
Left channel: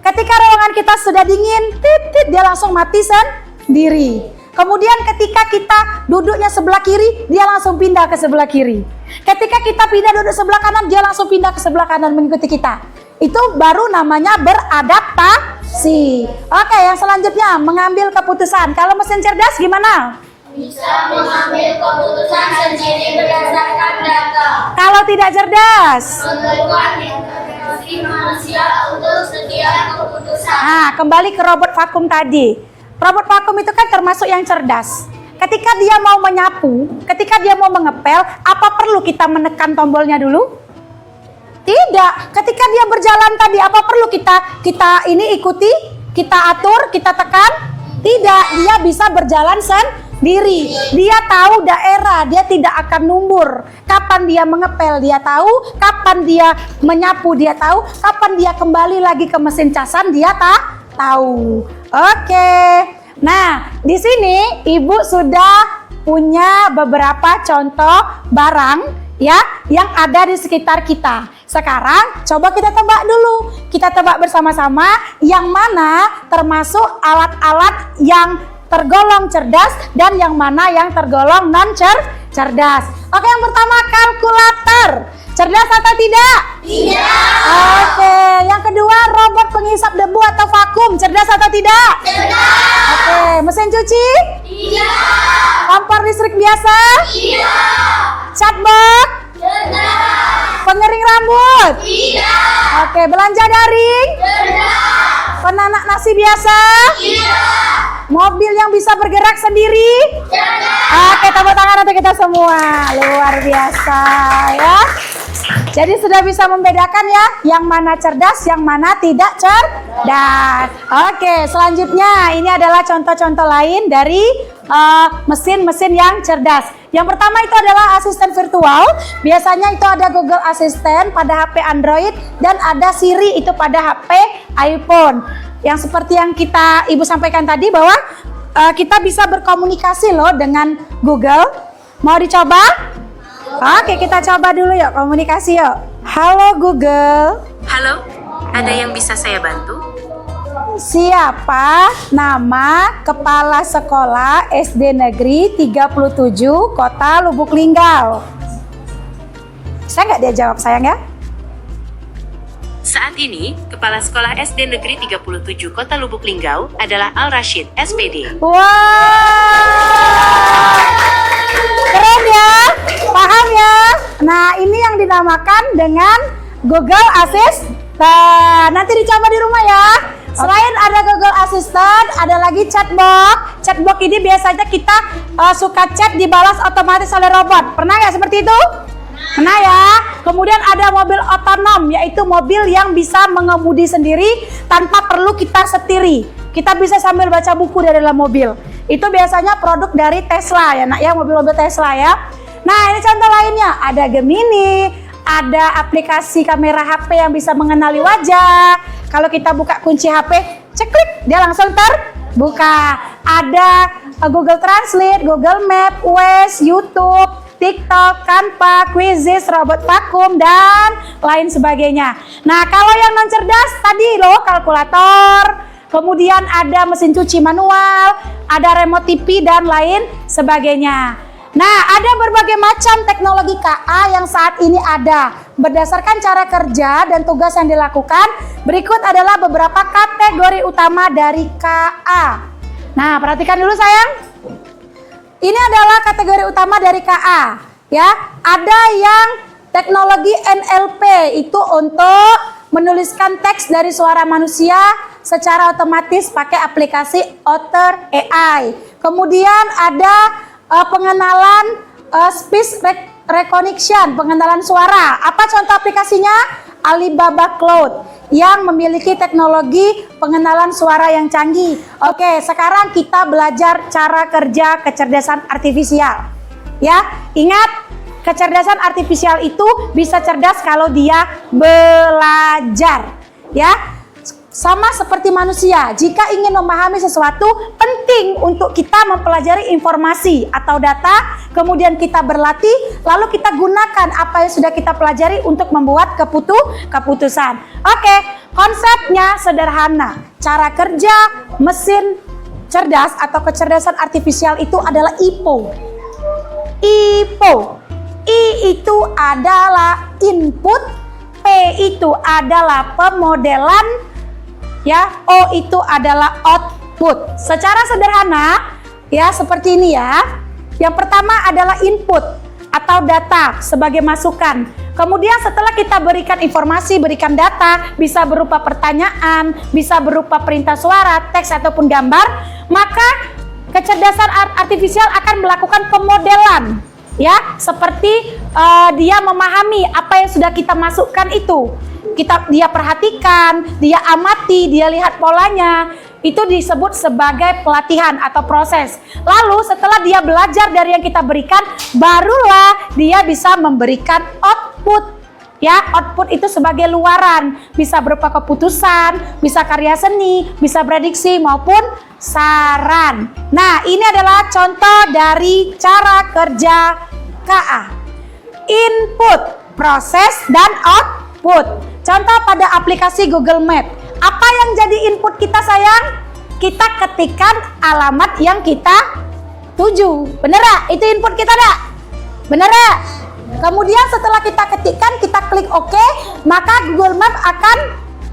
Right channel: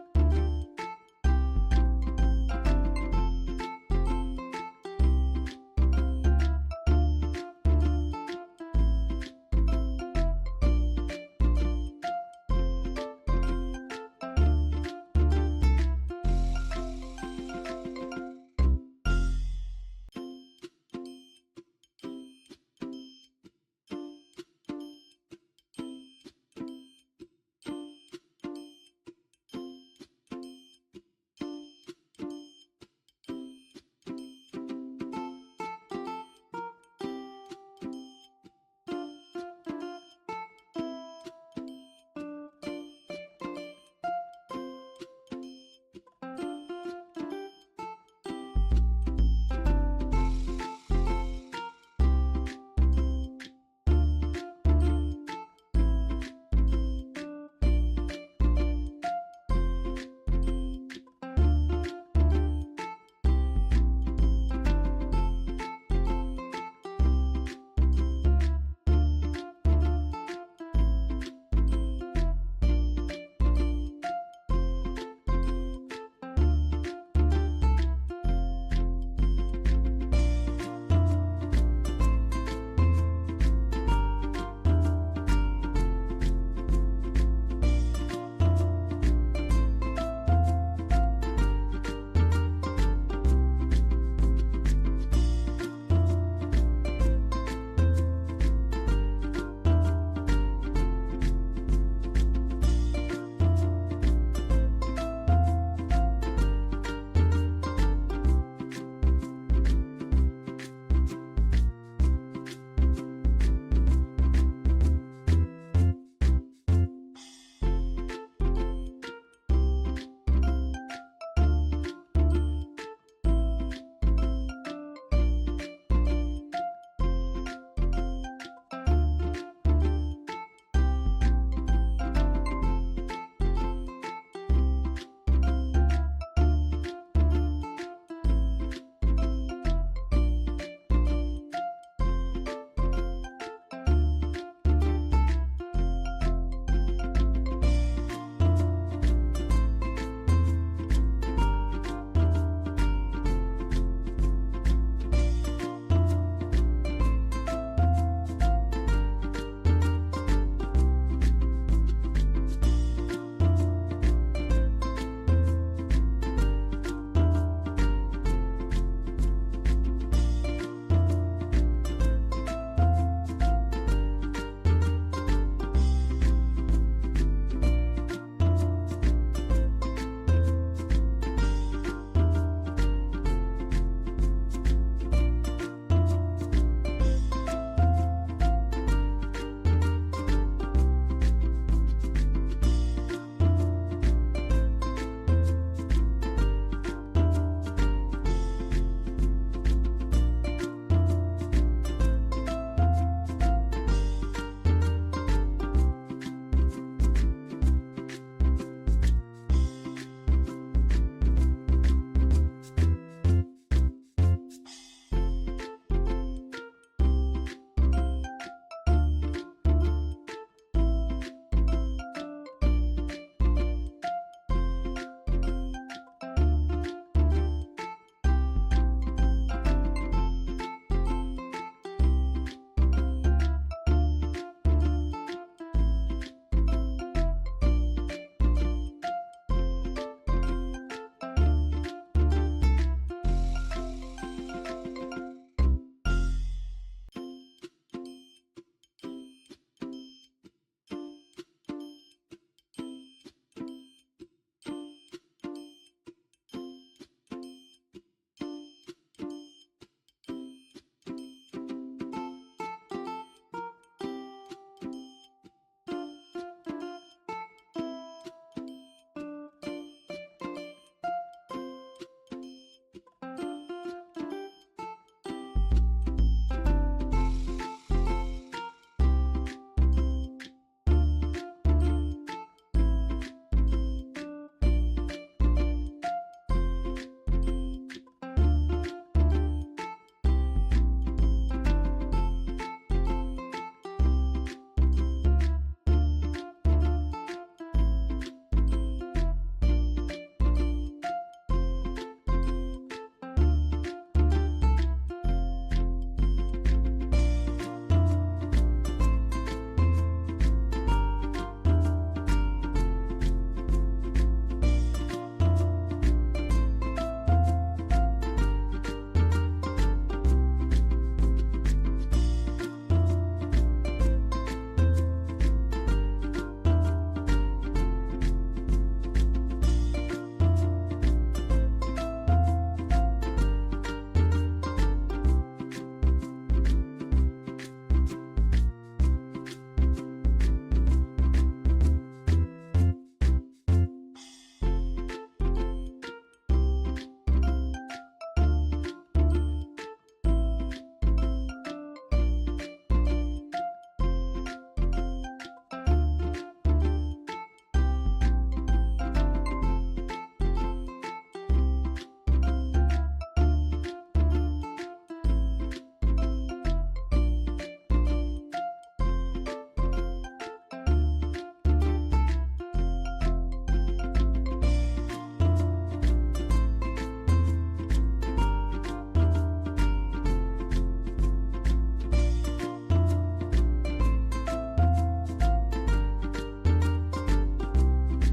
Ketika ruangan kita sudah dingin, tit, dia langsung mati sendiri. Kemudian ketika kita duduknya sebelah kiri, dia langsung pindah ke sebelah kiri. Ketika kita pindah duduk sebelah kanan, dia langsung pindah ke sebelah kanan mengikuti kita. Itu baru namanya beradaptasi. Oke, yang selanjutnya mengambil keputusan. Kalau mesin cerdas gimana? Bisa mengambil keputusan sendiri berdasarkan data. Kalau tidak cerdas? Melakukan intervensi manusia untuk setiap keputusan. Nah, kembali ke robot vakum tadi. Robot vakum itu kan termasuk yang cerdas. Ketika dia mau menyapu, ketika dia mau mengepel, apa perlu kita menekan tombolnya dulu? Tidak. Ketika dia berjalan tadi, apa perlu kita ini ikuti, kita atur, kita tekan? Tidak. Dia bisa berjalan sendiri. Dia tahu daerah, dia tidak akan numbur. Kapan dia mengepel, dia tahu. Kapan dia menyapu, dia tahu. Kapan dia kembali lagi ke mesin casan, dia tahu. Oke. Nah, di sini Ibu sudah punya beberapa contoh barang ya yang ada di sekitar kita. Sekarang coba kita tebak dulu. Kita tebak bersama-sama yang mana termasuk alat-alat yang tergolong cerdas dan yang mana yang tergolong non cerdas. Oke, yang pertama kalkulator. Cerdas atau tidak? Tidak. Oke, yang kedua robot penghisap debu atau vakum. Cerdas atau tidak? Cerdas. Oke, mesin cuci? Tidak. Kompor listrik biasa? Tidak. Chatbot? Cerdas. Pengering rambut? Tidak. Oke, belanja daring? Cerdas. Penanak nasi biasa? Tidak. Mobil yang bisa bergerak sendiri? Cerdas. Oke, tepuk tangan untuk kita semua. Luar biasa ya. Jadi sudah bisa membedakan ya, yang mana cerdas, yang mana tidak cerdas. Oke, selanjutnya ini adalah contoh-contoh lain dari mesin-mesin yang cerdas. Yang pertama itu adalah asisten virtual. Biasanya itu ada Google Assistant pada HP Android dan ada Siri itu pada HP iPhone. Yang seperti yang Ibu sampaikan tadi bahwa kita bisa berkomunikasi loh dengan Google. Mau dicoba? Oke, kita coba dulu yuk komunikasi yuk. Halo Google. Halo, ada yang bisa saya bantu? Siapa nama kepala sekolah SD Negeri 37 Kota Lubuk Linggau? Saya nggak dia jawab sayang ya. Saat ini, Kepala Sekolah SD Negeri 37 Kota Lubuk Linggau adalah Al Rashid, SPD. Wah, keren ya, paham ya. Nah, ini yang dinamakan dengan Google Assistant. Nanti dicoba di rumah ya. Selain ada Google Assistant, ada lagi chatbot. Chatbot ini biasanya kita suka chat dibalas otomatis oleh robot. Pernah nggak seperti itu? Nah ya, kemudian ada mobil otonom, yaitu mobil yang bisa mengemudi sendiri tanpa perlu kita setiri. Kita bisa sambil baca buku dari dalam mobil. Itu biasanya produk dari Tesla ya nak ya, mobil-mobil Tesla ya. Nah ini contoh lainnya, ada Gemini, ada aplikasi kamera HP yang bisa mengenali wajah. Kalau kita buka kunci HP, ceklik, dia langsung terbuka. Ada Google Translate, Google Map, Waze, YouTube, TikTok, Canva, Quizzes, robot vakum, dan lain sebagainya. Nah, kalau yang non cerdas tadi loh, kalkulator, kemudian ada mesin cuci manual, ada remote TV, dan lain sebagainya. Nah, ada berbagai macam teknologi KA yang saat ini ada. Berdasarkan cara kerja dan tugas yang dilakukan, berikut adalah beberapa kategori utama dari KA. Nah, perhatikan dulu sayang. Ini adalah kategori utama dari KA. Ya, ada yang teknologi NLP, itu untuk menuliskan teks dari suara manusia secara otomatis pakai aplikasi Otter AI. Kemudian ada pengenalan speech recognition, pengenalan suara. Apa contoh aplikasinya? Alibaba Cloud yang memiliki teknologi pengenalan suara yang canggih. Oke, sekarang kita belajar cara kerja kecerdasan artifisial. Ya, ingat, kecerdasan artifisial itu bisa cerdas kalau dia belajar. Ya, sama seperti manusia, jika ingin memahami sesuatu, penting untuk kita mempelajari informasi atau data, kemudian kita berlatih, lalu kita gunakan apa yang sudah kita pelajari untuk membuat keputusan. Oke, konsepnya sederhana. Cara kerja mesin cerdas atau kecerdasan artifisial itu adalah IPO. IPO. I itu adalah input, P itu adalah pemodelan, ya, O itu adalah output. Secara sederhana ya seperti ini ya. Yang pertama adalah input atau data sebagai masukan. Kemudian setelah kita berikan informasi, berikan data, bisa berupa pertanyaan, bisa berupa perintah suara, teks ataupun gambar, maka kecerdasan artifisial akan melakukan pemodelan, ya, seperti dia memahami apa yang sudah kita masukkan itu. Dia perhatikan, dia amati, dia lihat polanya. Itu disebut sebagai pelatihan atau proses. Lalu setelah dia belajar dari yang kita berikan, barulah dia bisa memberikan output. Ya, output itu sebagai luaran, bisa berupa keputusan, bisa karya seni, bisa prediksi maupun saran. Nah, ini adalah contoh dari cara kerja KA. Input, proses, dan output. Contoh pada aplikasi Google Map. Apa yang jadi input kita sayang? Kita ketikkan alamat yang kita tuju. Bener gak? Itu input kita gak? Bener gak? Kemudian setelah kita ketikkan, kita klik OK, maka Google Map akan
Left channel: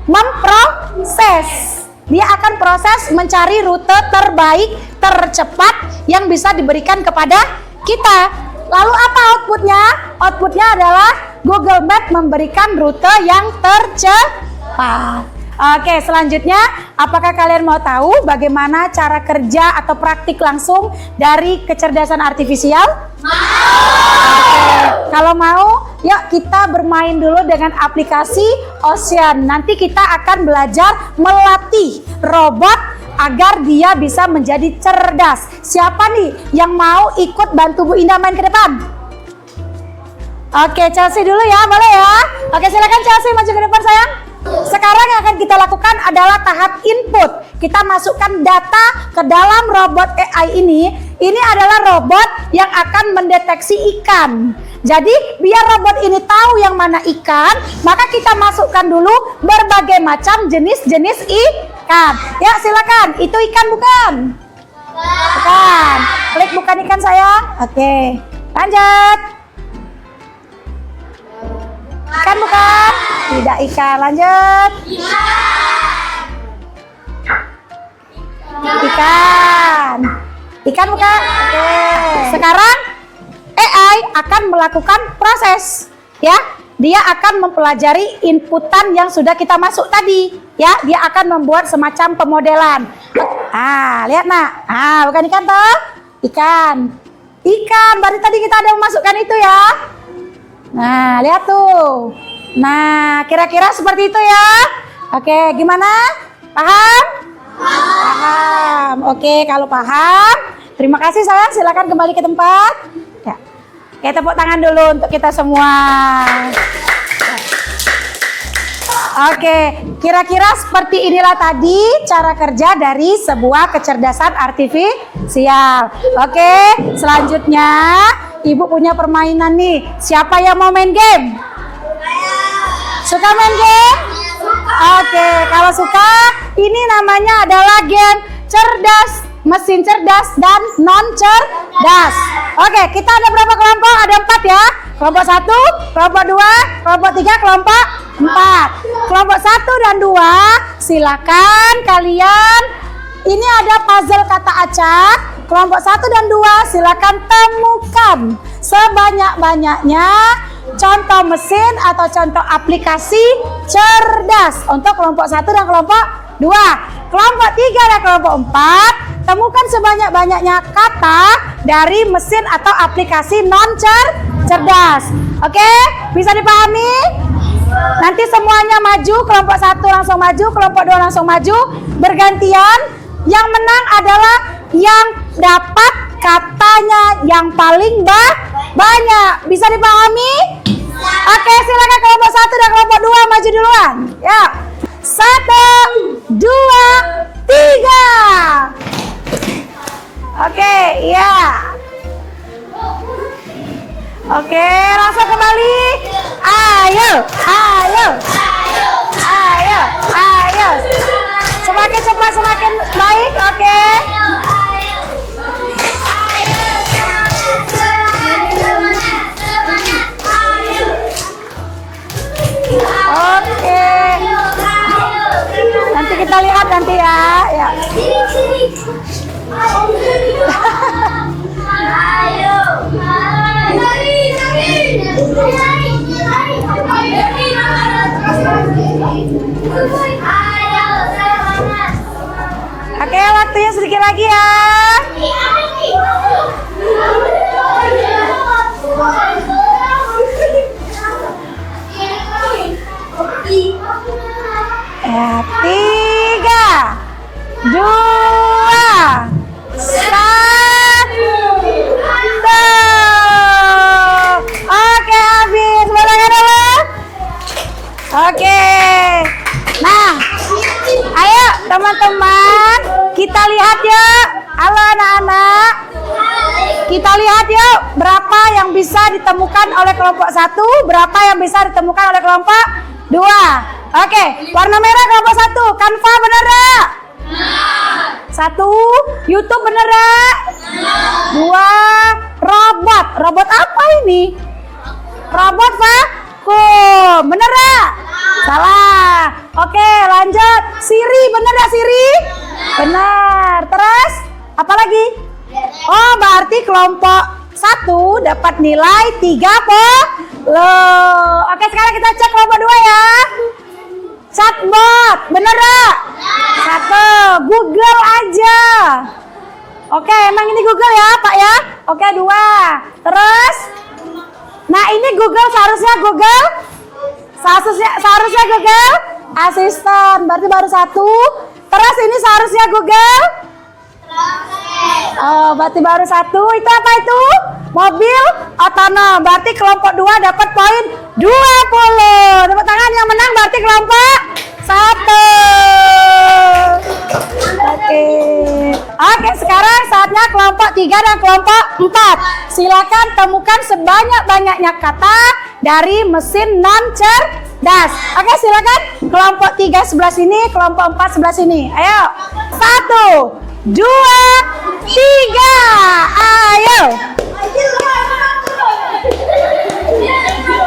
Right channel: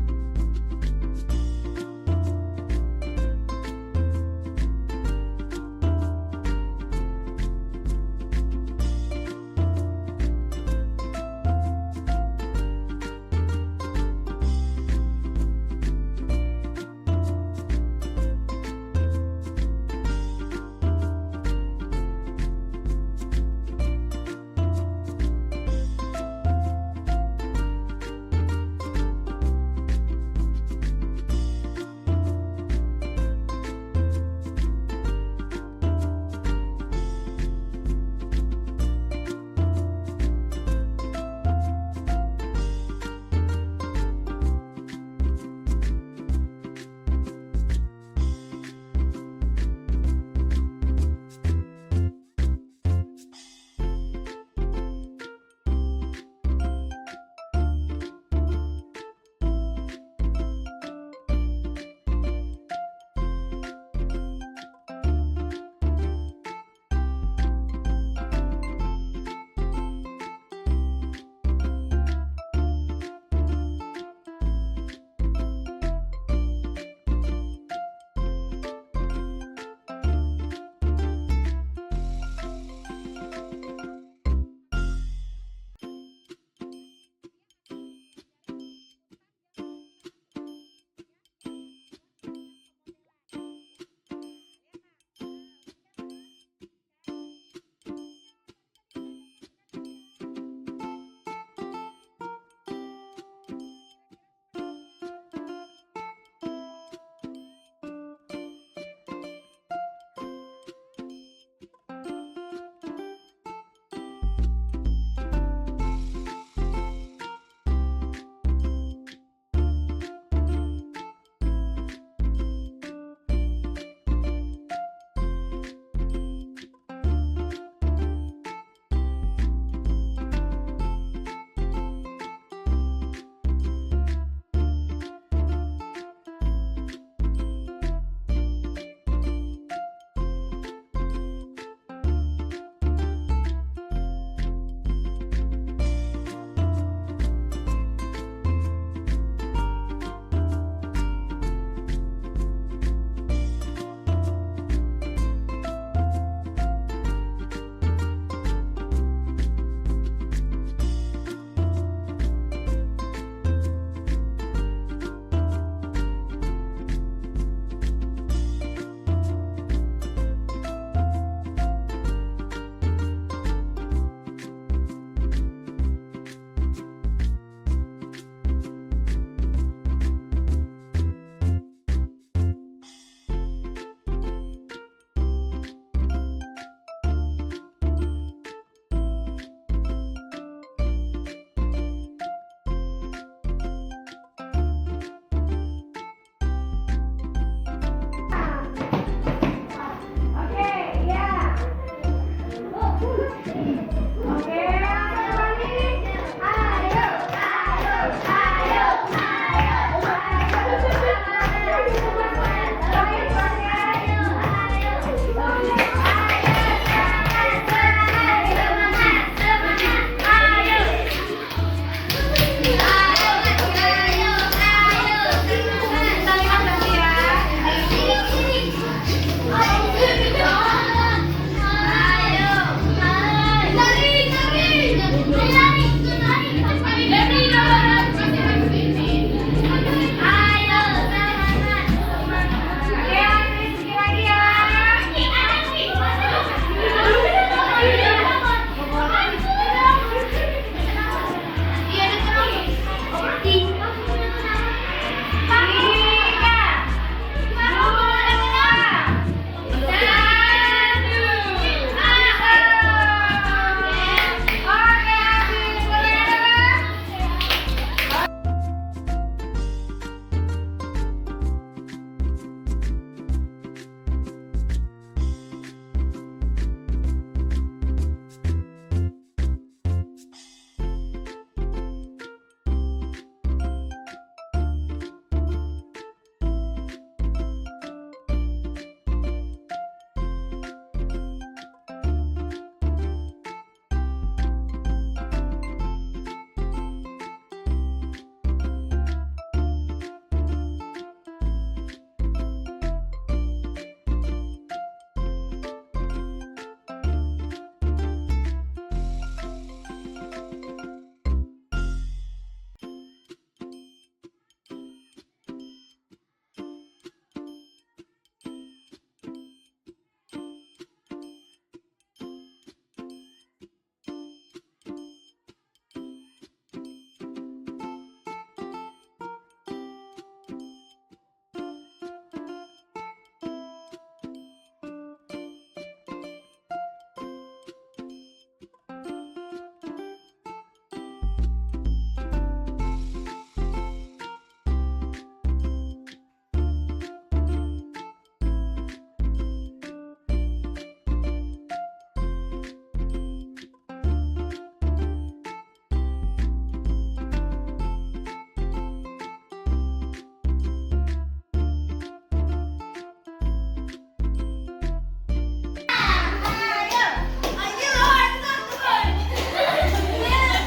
memproses. Dia akan proses mencari rute terbaik, tercepat yang bisa diberikan kepada kita. Lalu apa outputnya? Outputnya adalah Google Map memberikan rute yang tercepat. Oke, selanjutnya apakah kalian mau tahu bagaimana cara kerja atau praktik langsung dari kecerdasan artifisial? Oke, kalau mau, yuk kita bermain dulu dengan aplikasi Ocean. Nanti kita akan belajar melatih robot agar dia bisa menjadi cerdas. Siapa nih yang mau ikut bantu Bu Indah main ke depan? Oke, Chelsea dulu ya, boleh ya? Oke, silakan Chelsea maju ke depan sayang. Sekarang yang akan kita lakukan adalah tahap input. Kita masukkan data ke dalam robot AI ini. Ini adalah robot yang akan mendeteksi ikan. Jadi biar robot ini tahu yang mana ikan, maka kita masukkan dulu berbagai macam jenis-jenis ikan. Ya silakan, itu ikan bukan? Bukan. Klik bukan ikan sayang. Oke, lanjut. Ikan bukan? Tidak ikan, lanjut. Ikan. Ikan bukan? Oke. Sekarang AI akan melakukan proses, ya. Dia akan mempelajari inputan yang sudah kita masuk tadi, ya. Dia akan membuat semacam pemodelan. Lihat nak. Bukan ikan toh? Ikan. Ikan. Baru tadi kita ada memasukkan itu ya. Nah, lihat tuh. Nah, kira-kira seperti itu ya. Oke, gimana? Paham? Paham. Oke, kalau paham, terima kasih sayang. Silakan kembali ke tempat. Ya. Oke, tepuk tangan dulu untuk kita semua. Oke, kira-kira seperti inilah tadi cara kerja dari sebuah kecerdasan artifisial. Oke, selanjutnya Ibu punya permainan nih. Siapa yang mau main game? Suka main game? Oke, kalau suka, ini namanya adalah game cerdas, mesin cerdas dan non cerdas. Oke, kita ada berapa kelompok? Ada 4 ya. Kelompok 1, kelompok 2, kelompok 3, kelompok 4. Kelompok 1 dan 2, silakan kalian. Ini ada puzzle kata acak. Kelompok 1 dan 2, silakan temukan sebanyak-banyaknya contoh mesin atau contoh aplikasi cerdas untuk kelompok 1 dan kelompok 2. Kelompok 3 dan kelompok 4, temukan sebanyak-banyaknya kata dari mesin atau aplikasi non cerdas. Oke, bisa dipahami? Nanti semuanya maju, kelompok 1 langsung maju, kelompok 2 langsung maju, bergantian. Yang menang adalah yang dapat katanya yang paling banyak. Bisa dipahami? Oke, silakan kelompok 1 dan kelompok 2 maju duluan. Ya. 1, 2, 3. Oke, iya. Oke, langsung kembali. Ayo. Semakin cepat semakin baik. Oke. Oke. Nanti kita lihat nanti ya. Ya. Oke, waktunya sedikit lagi ya. Ya, 3, 2, 1. Oke, habis. Boleh dulu. Oke. Nah, ayo teman-teman, kita lihat yuk. Halo anak-anak. Kita lihat yuk berapa yang bisa ditemukan oleh kelompok 1, berapa yang bisa ditemukan oleh kelompok 2. Oke, warna merah kelompok 1, Canva bener gak? 1, YouTube bener gak? 2, robot apa ini? Robot vakum, bener gak? Salah. Oke, lanjut. Siri, bener gak Siri? Benar. Terus, apa lagi? Oh, berarti kelompok 1 dapat nilai 30. Oke, sekarang kita cek kelompok 2 ya. Chatbot, bener gak? 1, Google aja. Oke, emang ini Google ya Pak ya? Oke, 2. Terus, nah ini Google seharusnya Google Assistant, berarti baru 1. Terus ini seharusnya Google. Oh, berarti baru 1. Itu apa itu? Mobil otonom. Berarti kelompok 2 dapat poin 20. Tepuk tangan, yang menang berarti kelompok 1. Oke, sekarang saatnya kelompok 3 dan kelompok 4. Silakan temukan sebanyak-banyaknya kata dari mesin non cerdas. Oke, silakan. Kelompok 3 sebelah sini, kelompok 4 sebelah sini. Ayo. 1, 2, 3. Ayo.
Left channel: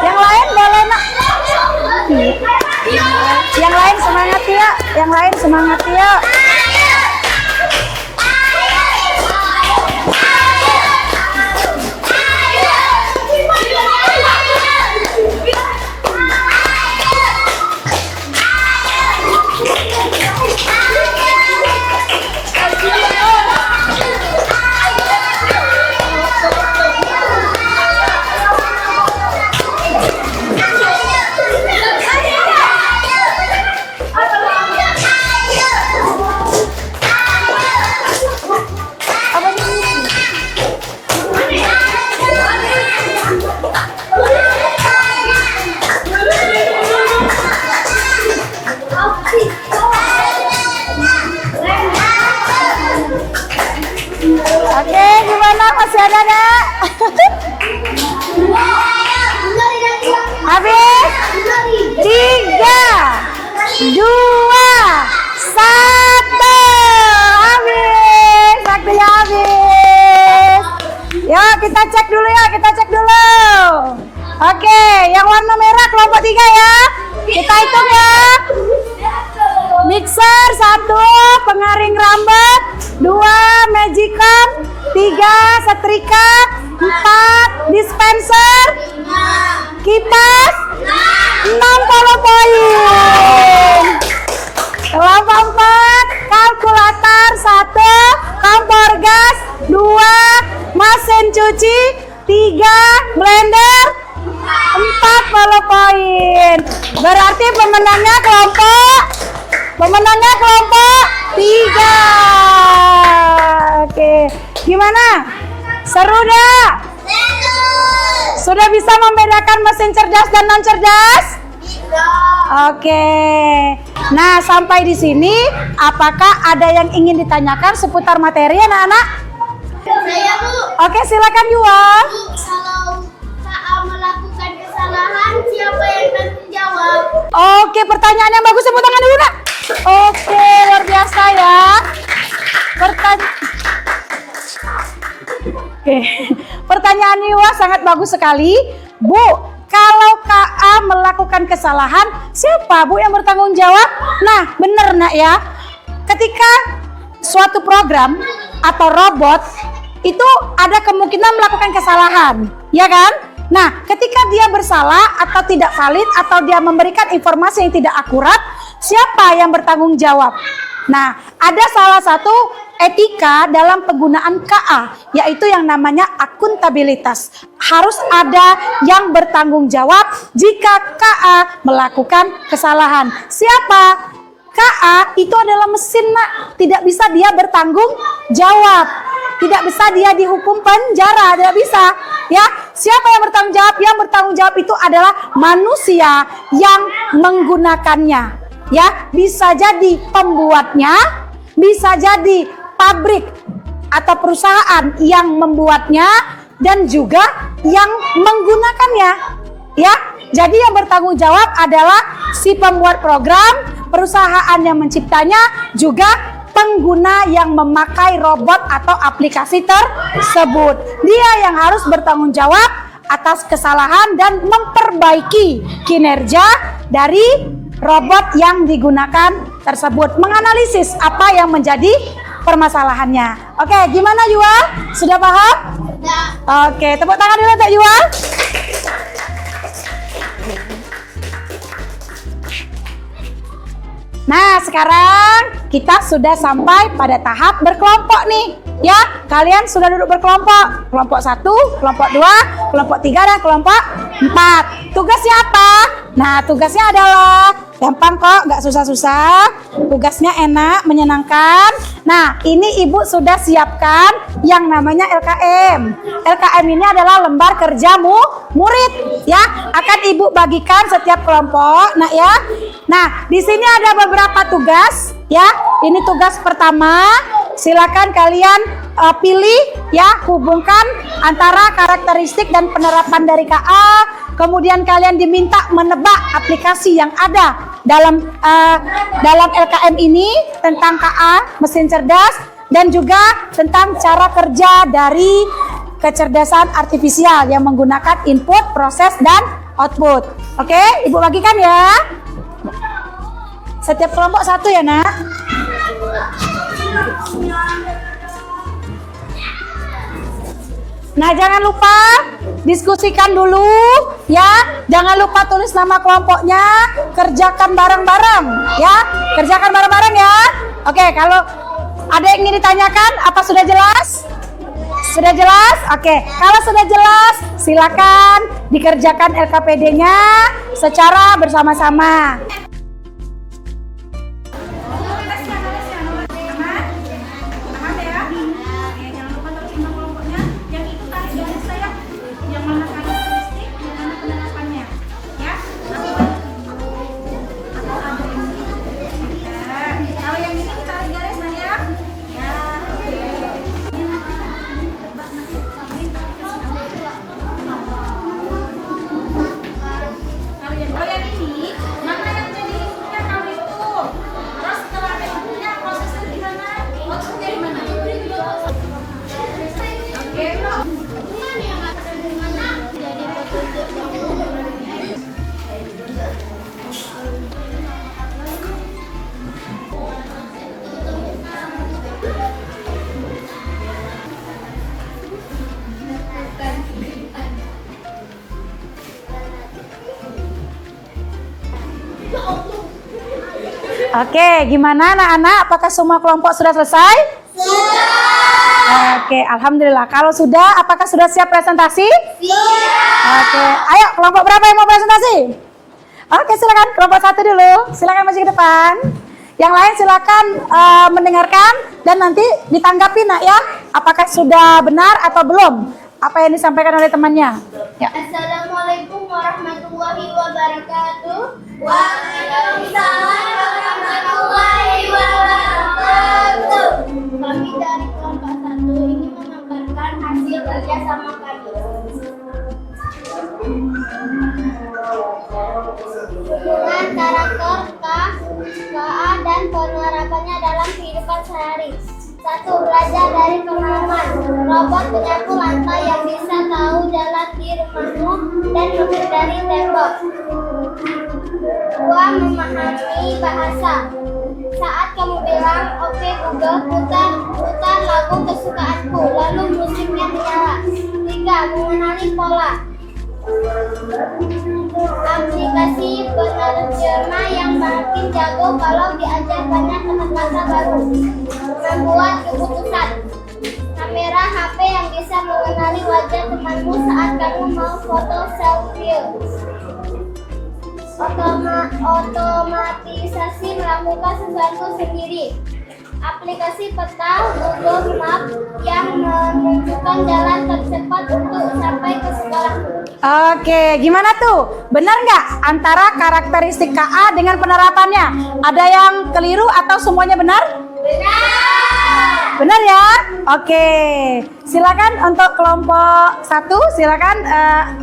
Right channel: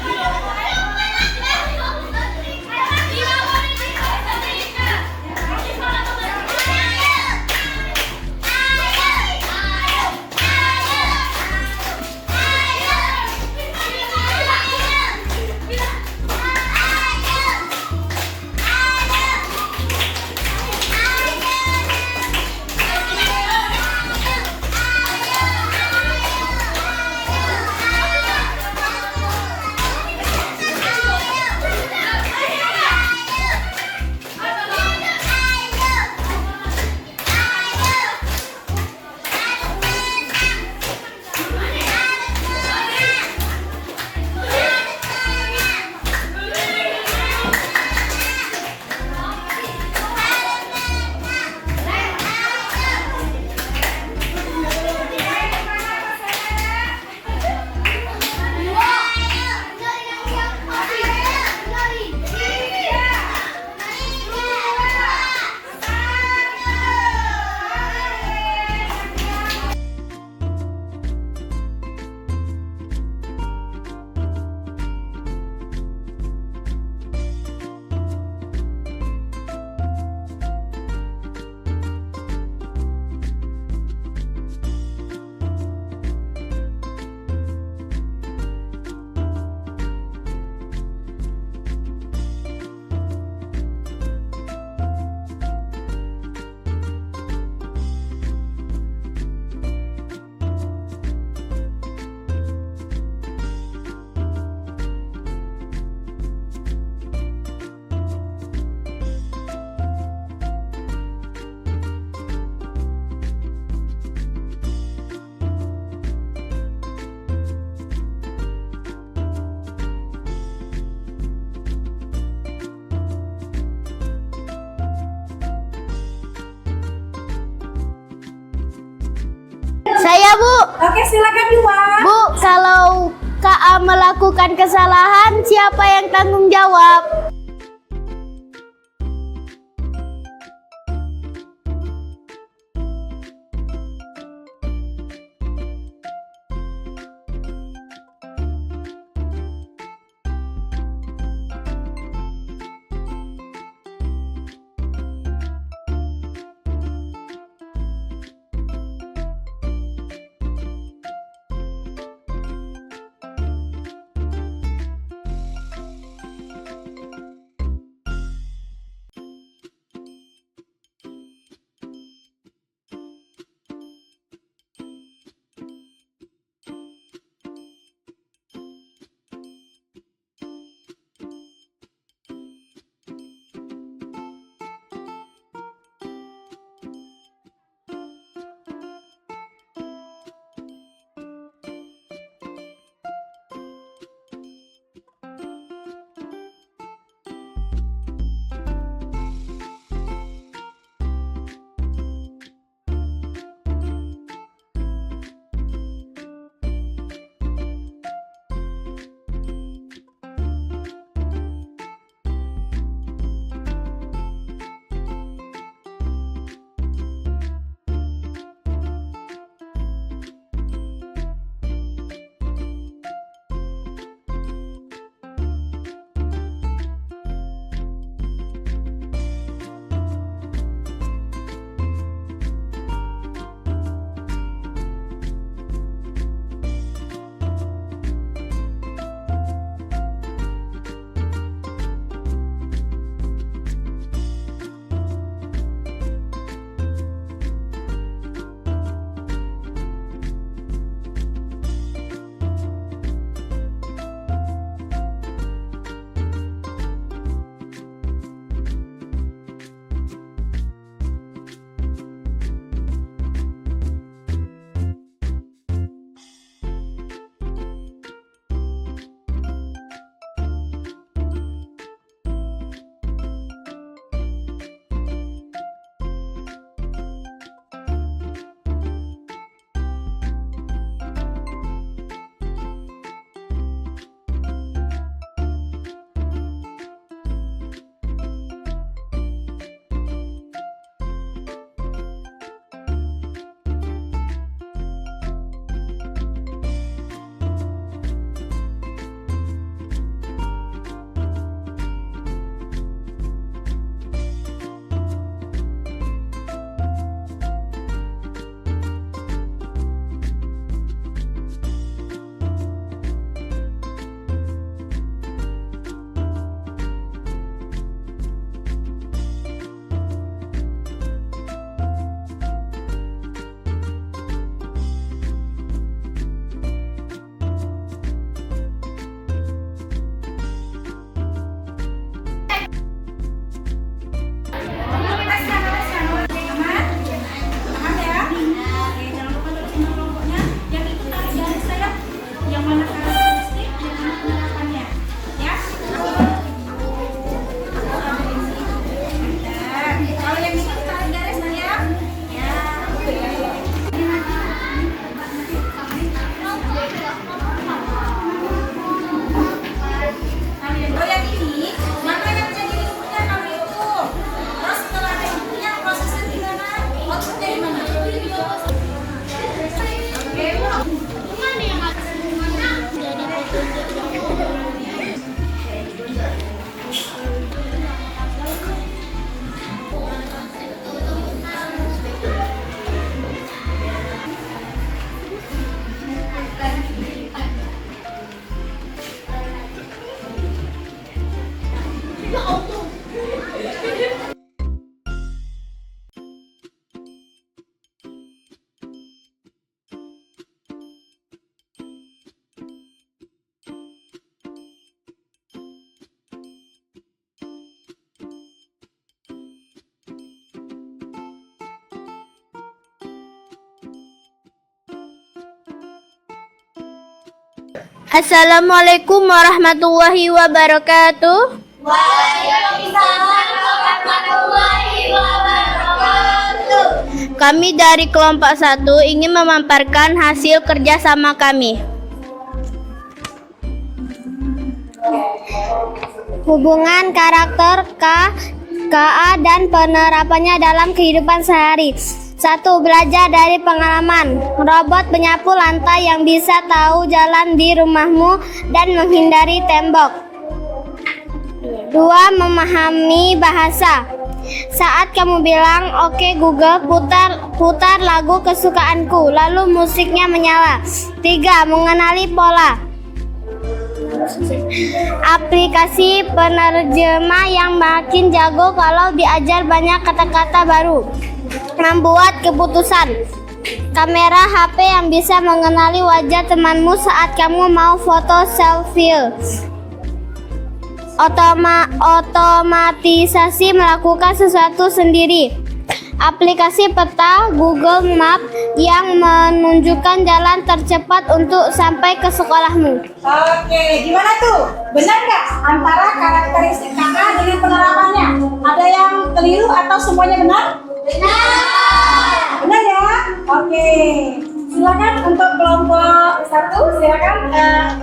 Yang lain boleh nak. Yang lain semangat ya. Yang lain semangat ya. Yang warna merah kelompok 3 ya. Kita hitung ya. Mixer 1, pengaring rambut 2, magicom 3, setrika 4, dispenser, kipas 60 poin. Kelompok 4, kalkulator 1, kompor gas 2, mesin cuci 3, blender 40 poin. Berarti pemenangnya kelompok 3. Oke, gimana? Seru dah? Sudah bisa membedakan mesin cerdas dan non cerdas? Oke. Nah, sampai di sini apakah ada yang ingin ditanyakan seputar materi anak-anak? Saya, Bu. Oke, silakan Yuwan. Bu, kalau KA melakukan kesalahan, siapa yang tanggung jawab? Oke, pertanyaan yang bagus, tepuk tangan dulu, Nak. Oke, luar biasa ya. Pertanyaan Yuwa sangat bagus sekali. Bu, kalau KA melakukan kesalahan, siapa Bu yang bertanggung jawab? Nah, benar Nak ya. Ketika suatu program atau robot itu ada kemungkinan melakukan kesalahan, ya kan? Nah, ketika dia bersalah atau tidak valid atau dia memberikan informasi yang tidak akurat, siapa yang bertanggung jawab? Nah, ada salah satu etika dalam penggunaan KA, yaitu yang namanya akuntabilitas. Harus ada yang bertanggung jawab jika KA melakukan kesalahan. Siapa? KA itu adalah mesin, Nak. Tidak bisa dia bertanggung jawab. Tidak bisa dia dihukum penjara, tidak bisa. Ya, siapa yang bertanggung jawab? Yang bertanggung jawab itu adalah manusia yang menggunakannya. Ya, bisa jadi pembuatnya, bisa jadi pabrik atau perusahaan yang membuatnya dan juga yang menggunakannya. Ya, jadi yang bertanggung jawab adalah si pembuat program, perusahaan yang menciptanya, juga pengguna yang memakai robot atau aplikasi tersebut. Dia yang harus bertanggung jawab atas kesalahan dan memperbaiki kinerja dari robot yang digunakan tersebut. Menganalisis apa yang menjadi permasalahannya. Oke, gimana Yuwa? Sudah paham? Oke, tepuk tangan dulu untuk Yuwa. Nah, sekarang kita sudah sampai pada tahap berkelompok nih. Ya, kalian sudah duduk berkelompok. Kelompok 1, kelompok 2, kelompok 3, dan kelompok 4. Tugasnya apa? Nah, tugasnya adalah gampang kok, nggak susah-susah. Tugasnya enak, menyenangkan. Nah, ini Ibu sudah siapkan yang namanya LKM. LKM ini adalah lembar kerja murid, ya. Akan Ibu bagikan setiap kelompok, nah ya. Nah, di sini ada beberapa tugas, ya. Ini tugas pertama. Silakan kalian pilih, ya, hubungkan antara karakteristik dan penerapan dari KA. Kemudian kalian diminta menebak aplikasi yang ada dalam LKM ini tentang KA, mesin cerdas, dan juga tentang cara kerja dari kecerdasan artifisial yang menggunakan input, proses, dan output. Oke, Ibu bagikan ya. Setiap kelompok satu ya, Nak. Nah, jangan lupa diskusikan dulu ya. Jangan lupa tulis nama kelompoknya. Kerjakan bareng-bareng ya. Kerjakan bareng-bareng ya. Oke, kalau ada yang ingin ditanyakan, apa sudah jelas? Sudah jelas? Oke, kalau sudah jelas, silakan dikerjakan LKPD-nya secara bersama-sama. Namanya Oke, gimana anak-anak? Apakah semua kelompok sudah selesai? Sudah. Oke, alhamdulillah. Kalau sudah, apakah sudah siap presentasi? Siap. Oke, ayo kelompok berapa yang mau presentasi? Oke, silakan kelompok 1 dulu. Silakan maju ke depan. Yang lain silakan mendengarkan dan nanti ditanggapi nak ya. Apakah sudah benar atau belum? Apa yang disampaikan oleh temannya? Ya. Assalamualaikum warahmatullahi wabarakatuh. Waalaikumsalam warahmatullahi wabarakatuh. Kami dari kelompok 1 ingin memaparkan hasil kerjasama kami. Hubungan karakter KA dan penerapannya dalam kehidupan sehari. 1. Belajar dari pengalaman. Robot penyapu lantai yang bisa tahu jalan di rumahmu dan menghindari tembok. 2. Memahami bahasa. Saat kamu bilang, "Oke Google, putar lagu kesukaanku," lalu musiknya menyala. 3. Mengenali pola. Aplikasi penerjemah yang makin jago kalau diajar banyak kata-kata baru. Membuat keputusan. Kamera HP yang bisa mengenali wajah temanmu saat kamu mau foto selfie. Otomatisasi melakukan sesuatu sendiri. Aplikasi peta Google Map yang menunjukkan jalan tercepat untuk sampai ke sekolahmu. Oke, gimana tuh? Benar nggak antara karakteristik KA dengan penerapannya? Ada yang keliru atau semuanya benar? Benar ya? Oke, silakan untuk kelompok 1, silakan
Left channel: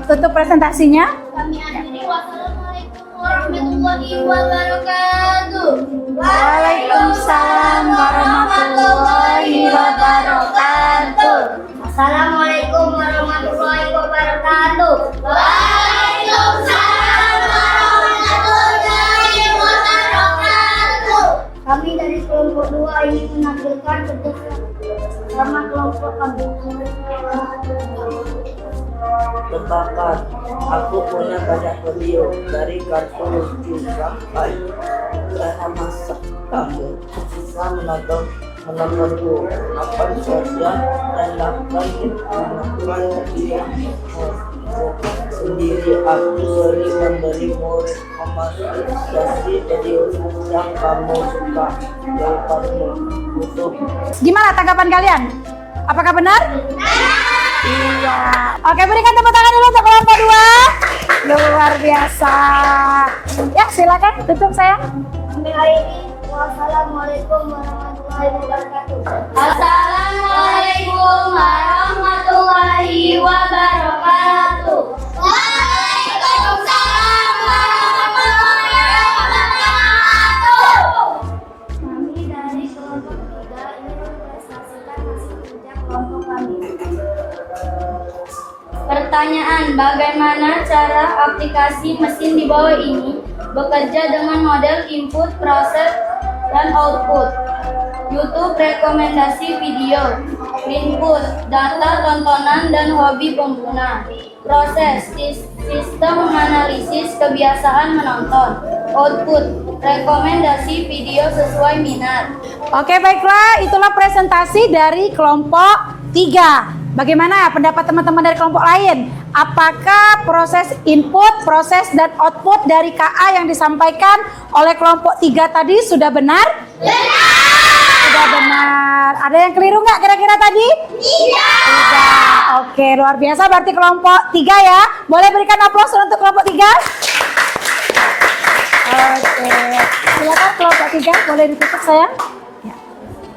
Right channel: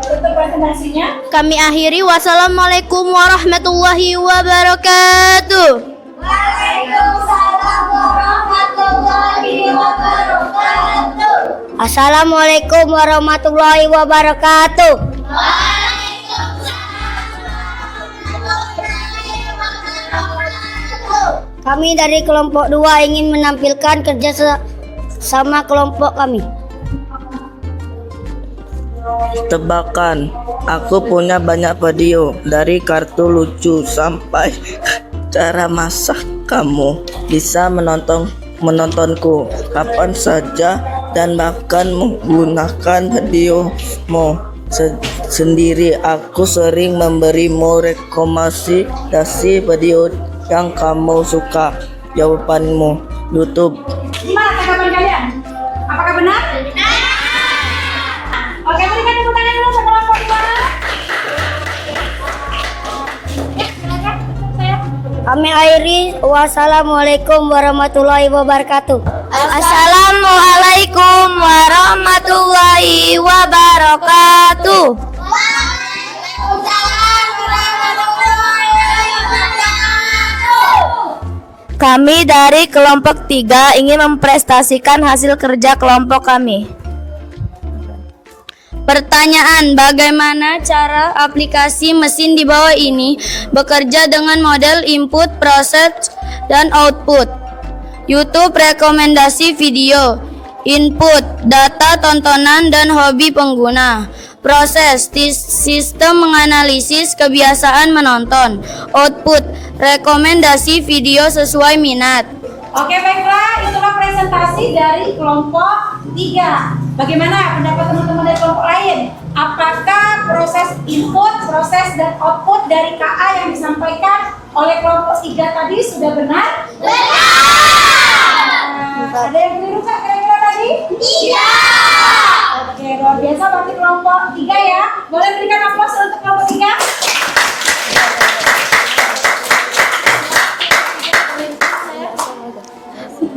tutup presentasinya. Kami akhiri. Wassalamualaikum warahmatullahi wabarakatuh. Waalaikumsalam warahmatullahi wabarakatuh. Assalamualaikum warahmatullahi wabarakatuh. Waalaikumsalam warahmatullahi wabarakatuh. Kami dari kelompok 2 ingin menampilkan kerja sama kelompok kami. Tebakan, aku punya banyak video dari kartu lucu sampai cara masak. Kamu bisa menontonku kapan saja dan bahkan menggunakan videomu sendiri. Aku sering memberimu rekomendasi video yang kamu suka. Jawabanmu YouTube. Gimana tanggapan kalian? Apakah benar? Iya. Oke, berikan tepuk tangan dulu untuk kelompok 2. Luar biasa. Ya, silakan tutup saya. Kami akhiri. Wassalamualaikum warahmatullahi wabarakatuh. Assalamualaikum warahmatullahi wabarakatuh. Waalaikumsalam warahmatullahi wabarakatuh. Kami dari kelompok 3 ingin memprestasikan hasil kerja kelompok kami. Pertanyaan, bagaimana cara aplikasi mesin di bawah ini bekerja dengan model input, proses, dan output? YouTube rekomendasi video. Input, data tontonan dan hobi pengguna. Proses, sistem menganalisis kebiasaan menonton. Output, rekomendasi video sesuai minat. Oke, baiklah, itulah presentasi dari kelompok 3. Bagaimana pendapat teman-teman dari kelompok lain? Apakah proses input, proses, dan output dari KA yang disampaikan oleh kelompok 3 tadi sudah benar? Sudah benar. Ada yang keliru nggak kira-kira tadi? Tidak. Oke, luar biasa. Berarti kelompok 3 ya. Boleh berikan aplaus untuk kelompok 3? Oke. Silakan kelompok 3, boleh ditutup sayang.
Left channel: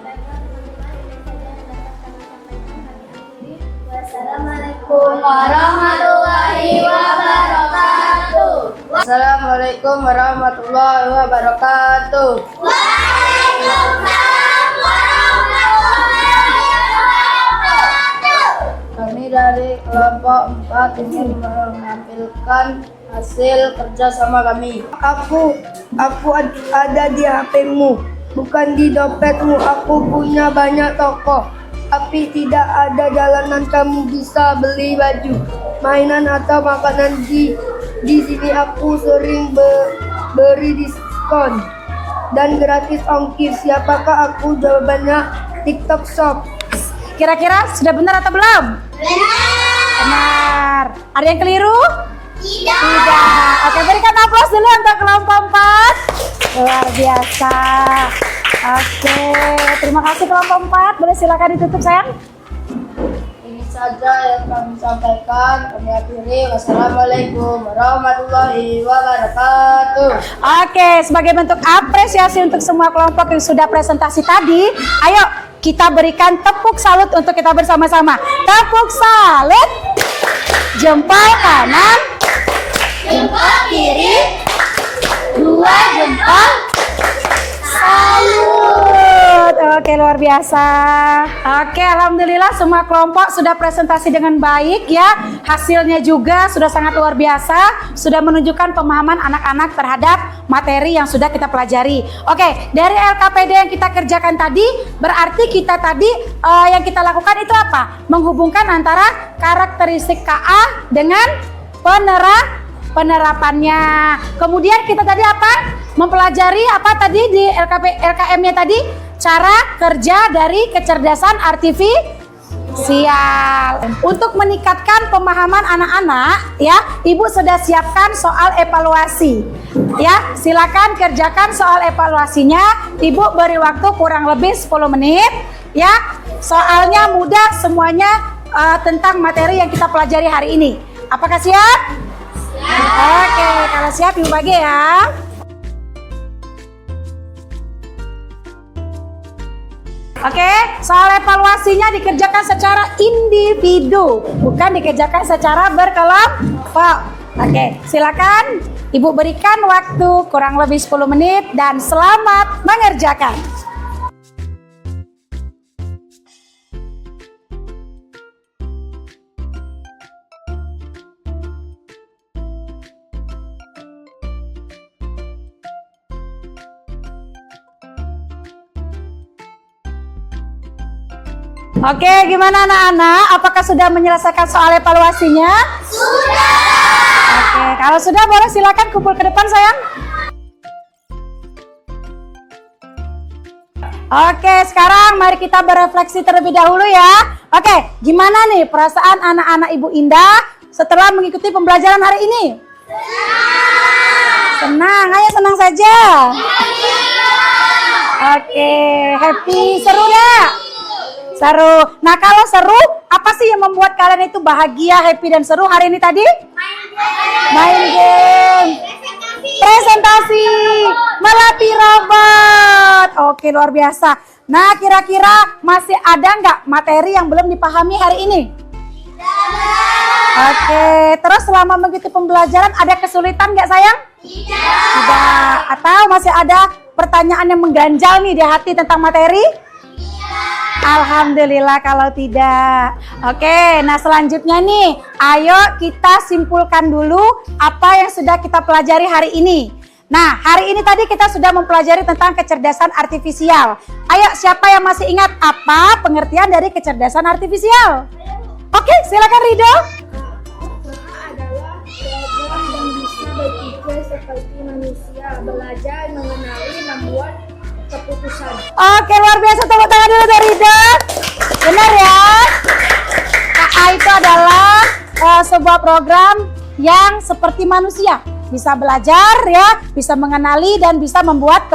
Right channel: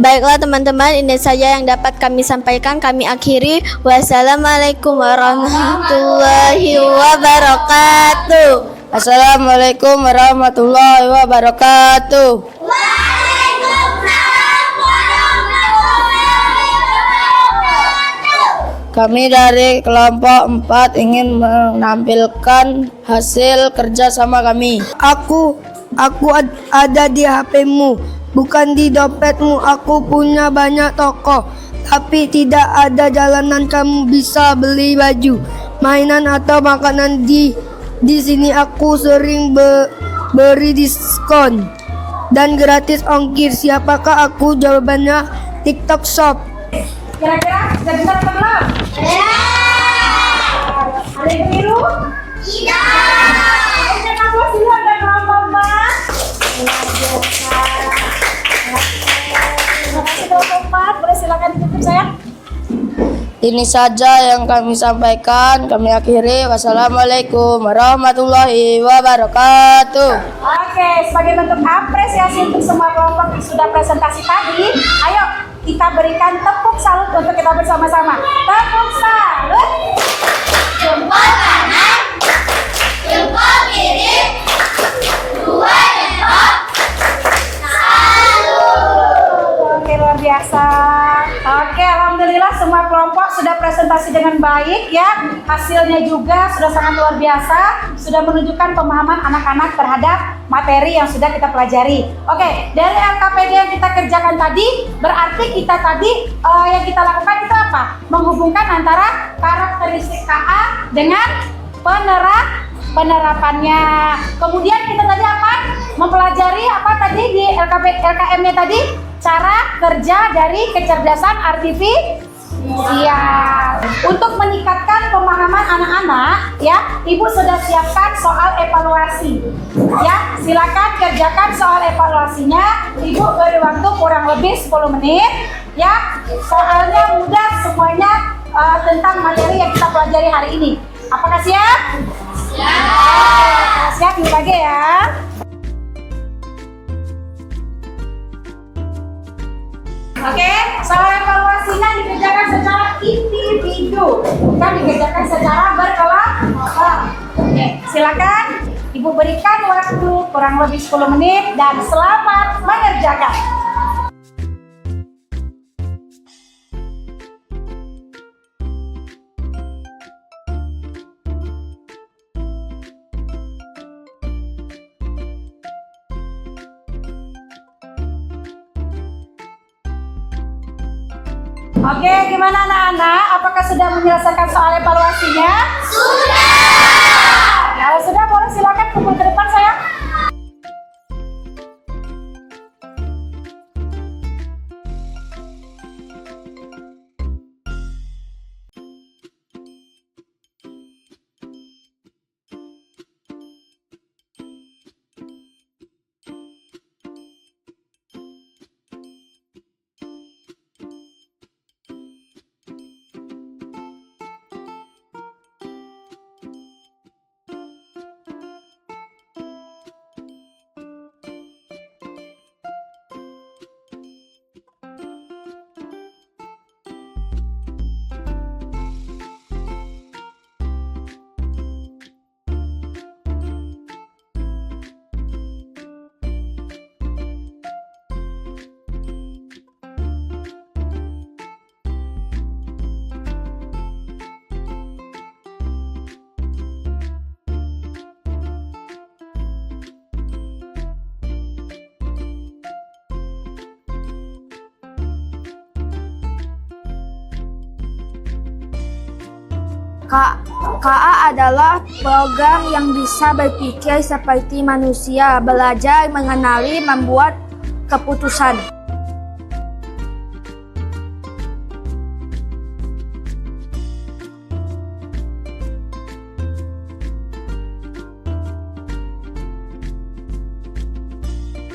Baiklah teman-teman, ini saja yang dapat kami sampaikan. Kami akhiri. Wassalamualaikum warahmatullahi wabarakatuh. Assalamualaikum warahmatullahi wabarakatuh. Waalaikumsalam warahmatullahi wabarakatuh. Kami dari kelompok 4 ingin menampilkan hasil kerja sama kami. Aku ada di HP-mu. Bukan di dompetmu. Aku punya banyak toko, tapi tidak ada jalanan kamu bisa beli baju, mainan atau makanan di sini. Aku sering beri diskon. dan gratis ongkir. Siapakah aku? Jawabannya TikTok Shop. Kira-kira sudah benar atau belum? Benar. Ada yang keliru? Tidak. Oke, berikan aplaus dulu untuk kelompok 4. Luar biasa. Oke, terima kasih kelompok 4. Boleh silakan ditutup sayang. Ini saja yang kami sampaikan. Kami akhiri. Wassalamualaikum warahmatullahi wabarakatuh. Oke, sebagai bentuk apresiasi untuk semua kelompok yang sudah presentasi tadi, ayo kita berikan tepuk salut untuk kita bersama-sama. Tepuk salut. Jempol kanan, Jempol kiri, 2 jempol, salut. Oke, luar biasa. Oke, alhamdulillah semua kelompok sudah presentasi dengan baik ya. Hasilnya juga sudah sangat luar biasa, sudah menunjukkan pemahaman anak-anak terhadap materi yang sudah kita pelajari. Oke, dari LKPD yang kita kerjakan tadi, berarti kita tadi yang kita lakukan itu apa? Menghubungkan antara karakteristik KA dengan penerapannya. Kemudian kita tadi apa? Mempelajari apa tadi di LKM-nya tadi? Cara kerja dari kecerdasan artifisial. Untuk meningkatkan pemahaman anak-anak, ya, Ibu sudah siapkan soal evaluasi. Ya, silakan kerjakan soal evaluasinya. Ibu beri waktu kurang lebih 10 menit. Ya, soalnya mudah semuanya tentang materi yang kita pelajari hari ini. Apakah siap? Siap. Oke, kalau siap Ibu bagi ya. Oke, soal evaluasinya dikerjakan secara individu, bukan dikerjakan secara berkelompok. Oke, silakan Ibu berikan waktu kurang lebih 10 menit dan selamat mengerjakan. Oke, gimana anak-anak? Apakah sudah menyelesaikan soal evaluasinya? Sudah. Oke, kalau sudah boleh silakan kumpul ke depan sayang. Oke, sekarang mari kita berefleksi terlebih dahulu ya. Oke, gimana nih perasaan anak-anak Ibu Indah setelah mengikuti pembelajaran hari ini? Senang, ayo senang saja. Oke, happy, seru ya? Seru. Nah, kalau seru, apa sih yang membuat kalian itu bahagia, happy, dan seru hari ini tadi? Main game. Presentasi. Melatih robot. Oke, luar biasa. Nah, kira-kira masih ada nggak materi yang belum dipahami hari ini? Oke, terus selama mengikuti pembelajaran ada kesulitan nggak sayang? Tidak. Atau masih ada pertanyaan yang mengganjal nih di hati tentang materi? Alhamdulillah kalau tidak. Oke, nah selanjutnya nih, ayo kita simpulkan dulu apa yang sudah kita pelajari hari ini. Nah, hari ini tadi kita sudah mempelajari tentang kecerdasan artifisial. Ayo, siapa yang masih ingat apa pengertian dari kecerdasan artifisial? Oke, silakan Rido. KA adalah program yang bisa berpikir seperti manusia, belajar, mengenali, membuat keputusan. Oke, luar biasa, tepuk tangan dulu dari Rido. Benar ya? KA itu adalah sebuah program yang seperti manusia, bisa belajar ya, bisa mengenali dan bisa membuat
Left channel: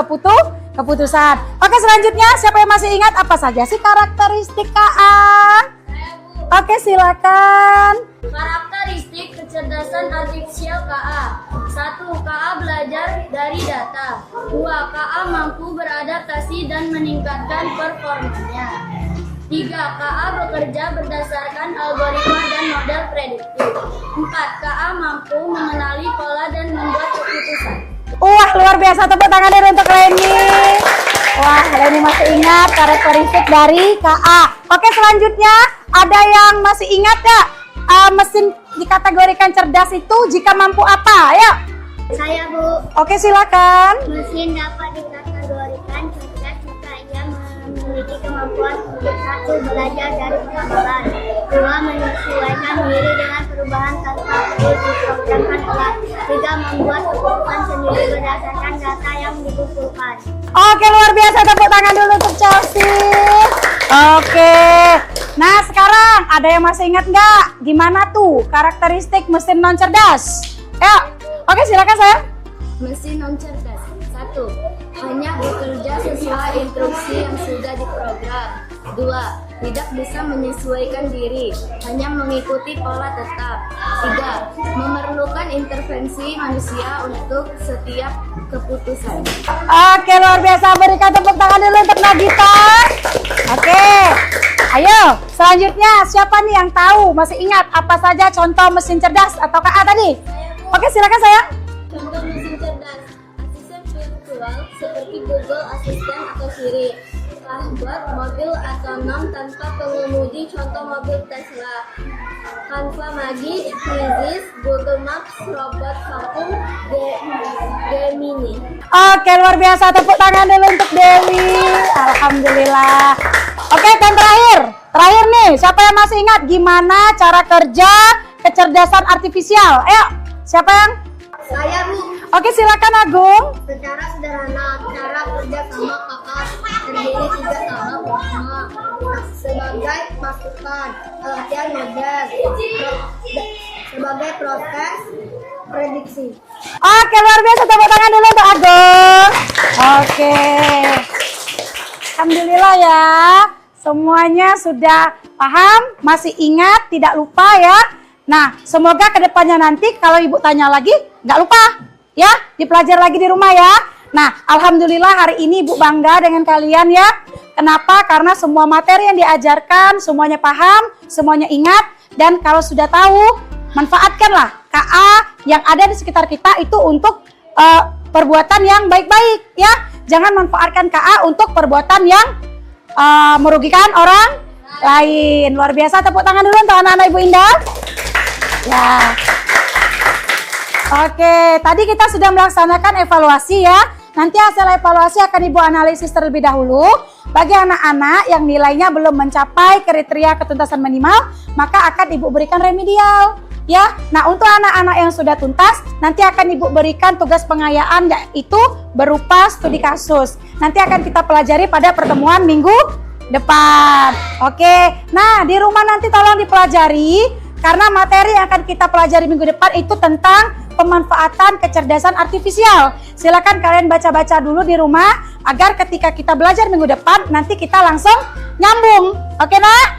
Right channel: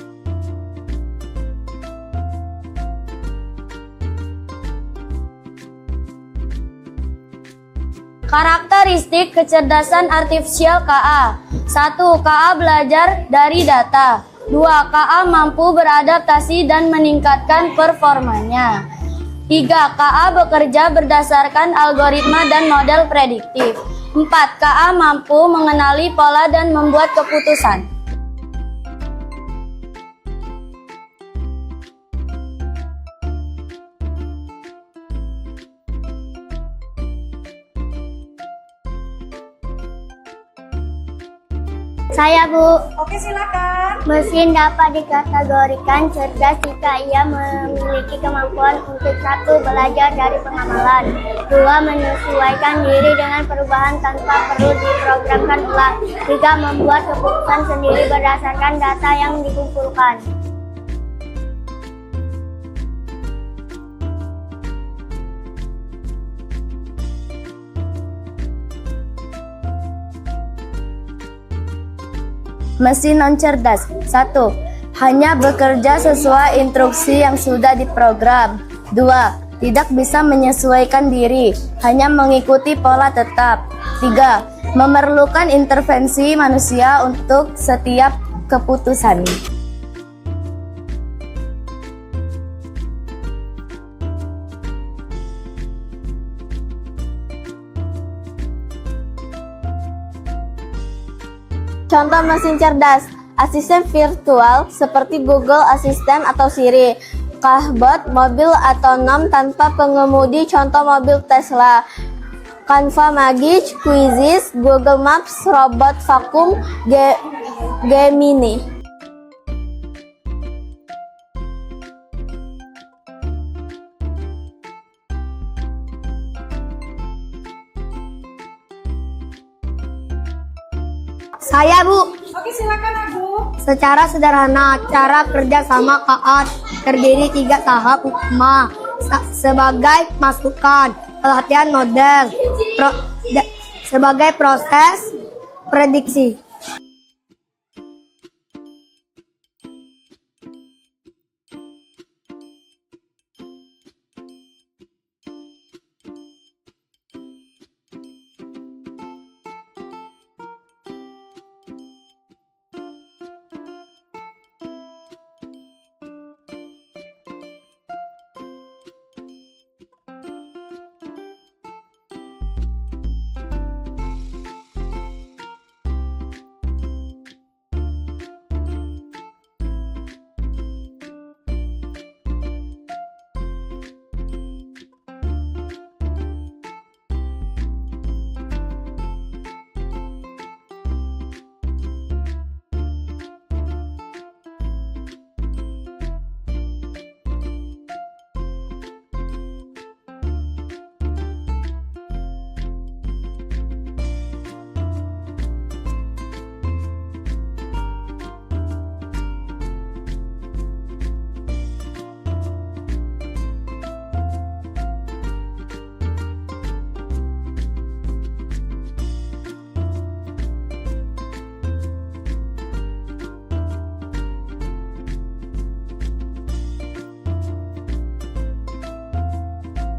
keputusan. Oke, selanjutnya siapa yang masih ingat apa saja sih karakteristik KA? Oke, silakan. Karakteristik kecerdasan artifisial KA. 1. KA belajar dari data. 2. KA mampu beradaptasi dan meningkatkan performanya. 3. KA bekerja berdasarkan algoritma dan model prediktif. 4. KA mampu mengenali pola dan membuat keputusan. Wah, luar biasa, tepuk tangan dulu untuk Leni. Wah, Leni masih ingat karakteristik dari KA. Oke, selanjutnya ada yang masih ingat ya? Mesin dikategorikan cerdas itu jika mampu apa? Ayo. Saya, Bu. Oke, silakan. Mesin dapat dikategorikan cerdas jika ia memiliki kemampuan untuk 1. Belajar dari pengalaman, 2. Menyesuaikan diri dengan perubahan tanpa perlu diprogramkan ulang, 3. Membuat keputusan sendiri berdasarkan data yang dikumpulkan. Oke, luar biasa. Tepuk tangan dulu untuk Chelsea. Oke. Nah, sekarang ada yang masih ingat nggak? Gimana tuh karakteristik mesin non cerdas? Ya. Oke, silakan saya. Mesin non cerdas. 1. Hanya bekerja sesuai instruksi yang sudah diprogram. 2. Tidak bisa menyesuaikan diri, hanya mengikuti pola tetap. 3. Memerlukan intervensi manusia untuk setiap keputusan. Oke, luar biasa. Berikan tepuk tangan dulu untuk Nagita. Oke. Ayo, selanjutnya siapa nih yang tahu? Masih ingat apa saja contoh mesin cerdas atau KA tadi? Oke, silakan sayang. Contoh mesin cerdas, asisten virtual seperti Google Assistant atau Siri, chatbot mobil otonom tanpa pengemudi, contoh mobil Tesla, Canva Magic, Quizzes, Google Maps, robot vakum, Gemini. Oke, luar biasa. Tepuk tangan dulu untuk Dewi. Alhamdulillah. Oke, dan terakhir nih, siapa yang masih ingat gimana cara kerja kecerdasan artifisial? Ayo, siapa yang? Saya, Bu. Oke, silakan Agung. Secara sederhana, cara kerja sama KA terdiri 3 tahap utama sebagai masukan, pelatihan model, sebagai proses prediksi. Oke, luar biasa. Tepuk tangan dulu untuk Agung. Oke. Alhamdulillah ya. Semuanya sudah paham, masih ingat, tidak lupa ya. Nah, semoga kedepannya nanti kalau ibu tanya lagi, nggak lupa ya, dipelajari lagi di rumah ya. Nah, alhamdulillah hari ini ibu bangga dengan kalian ya. Kenapa? Karena semua materi yang diajarkan, semuanya paham, semuanya ingat. Dan kalau sudah tahu, manfaatkanlah KA yang ada di sekitar kita itu untuk perbuatan yang baik-baik ya. Jangan manfaatkan KA untuk perbuatan yang merugikan orang lain. Luar biasa. Tepuk tangan dulu untuk anak-anak Ibu Indah. Ya. Oke, tadi kita sudah melaksanakan evaluasi ya. Nanti hasil evaluasi akan Ibu analisis terlebih dahulu. Bagi anak-anak yang nilainya belum mencapai kriteria ketuntasan minimal, maka akan Ibu berikan remedial. Ya, nah untuk anak-anak yang sudah tuntas, nanti akan Ibu berikan tugas pengayaan, yaitu berupa studi kasus. Nanti akan kita pelajari pada pertemuan minggu depan. Oke, nah di rumah nanti tolong dipelajari, karena materi yang akan kita pelajari minggu depan itu tentang pemanfaatan kecerdasan artifisial. Silakan kalian baca-baca dulu di rumah, agar ketika kita belajar minggu depan, nanti kita langsung nyambung. Oke, nak?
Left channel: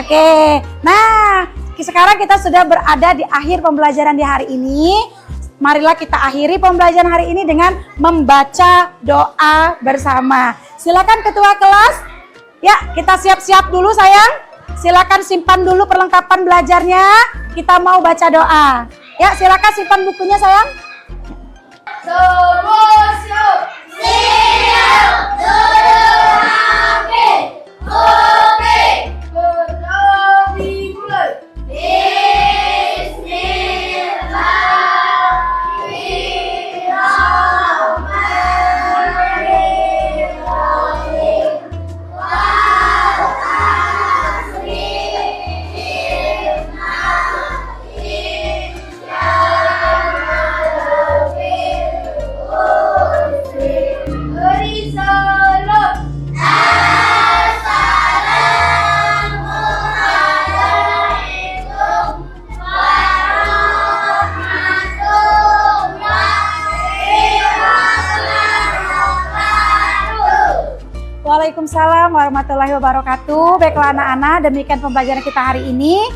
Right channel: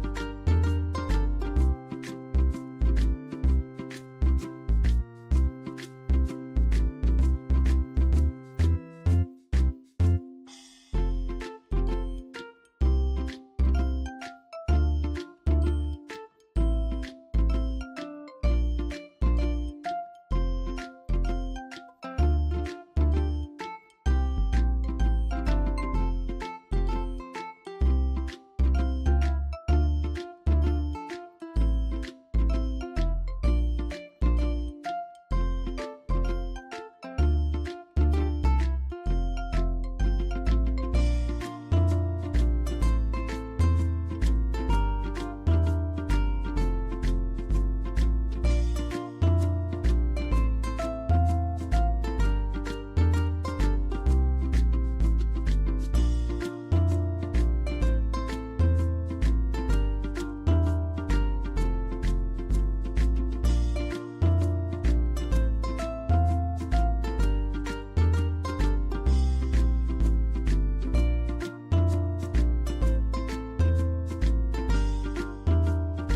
Oke, nah sekarang kita sudah berada di akhir pembelajaran di hari ini. Marilah kita akhiri pembelajaran hari ini dengan membaca doa bersama. Silakan ketua kelas. Ya, kita siap-siap dulu sayang. Silakan simpan dulu perlengkapan belajarnya. Kita mau baca doa. Ya, silakan simpan bukunya sayang. Waalaikumsalam warahmatullahi wabarakatuh. Baiklah anak-anak, demikian pembelajaran kita hari ini.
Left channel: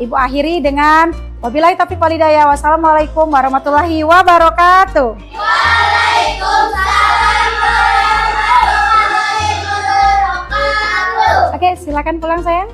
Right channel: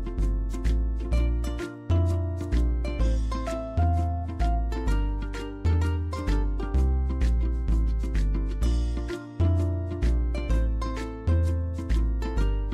Ibu akhiri dengan wabillahi taufiq wal hidayah. Wassalamualaikum warahmatullahi wabarakatuh. Waalaikumsalam warahmatullahi wabarakatuh. Oke, silakan pulang sayang.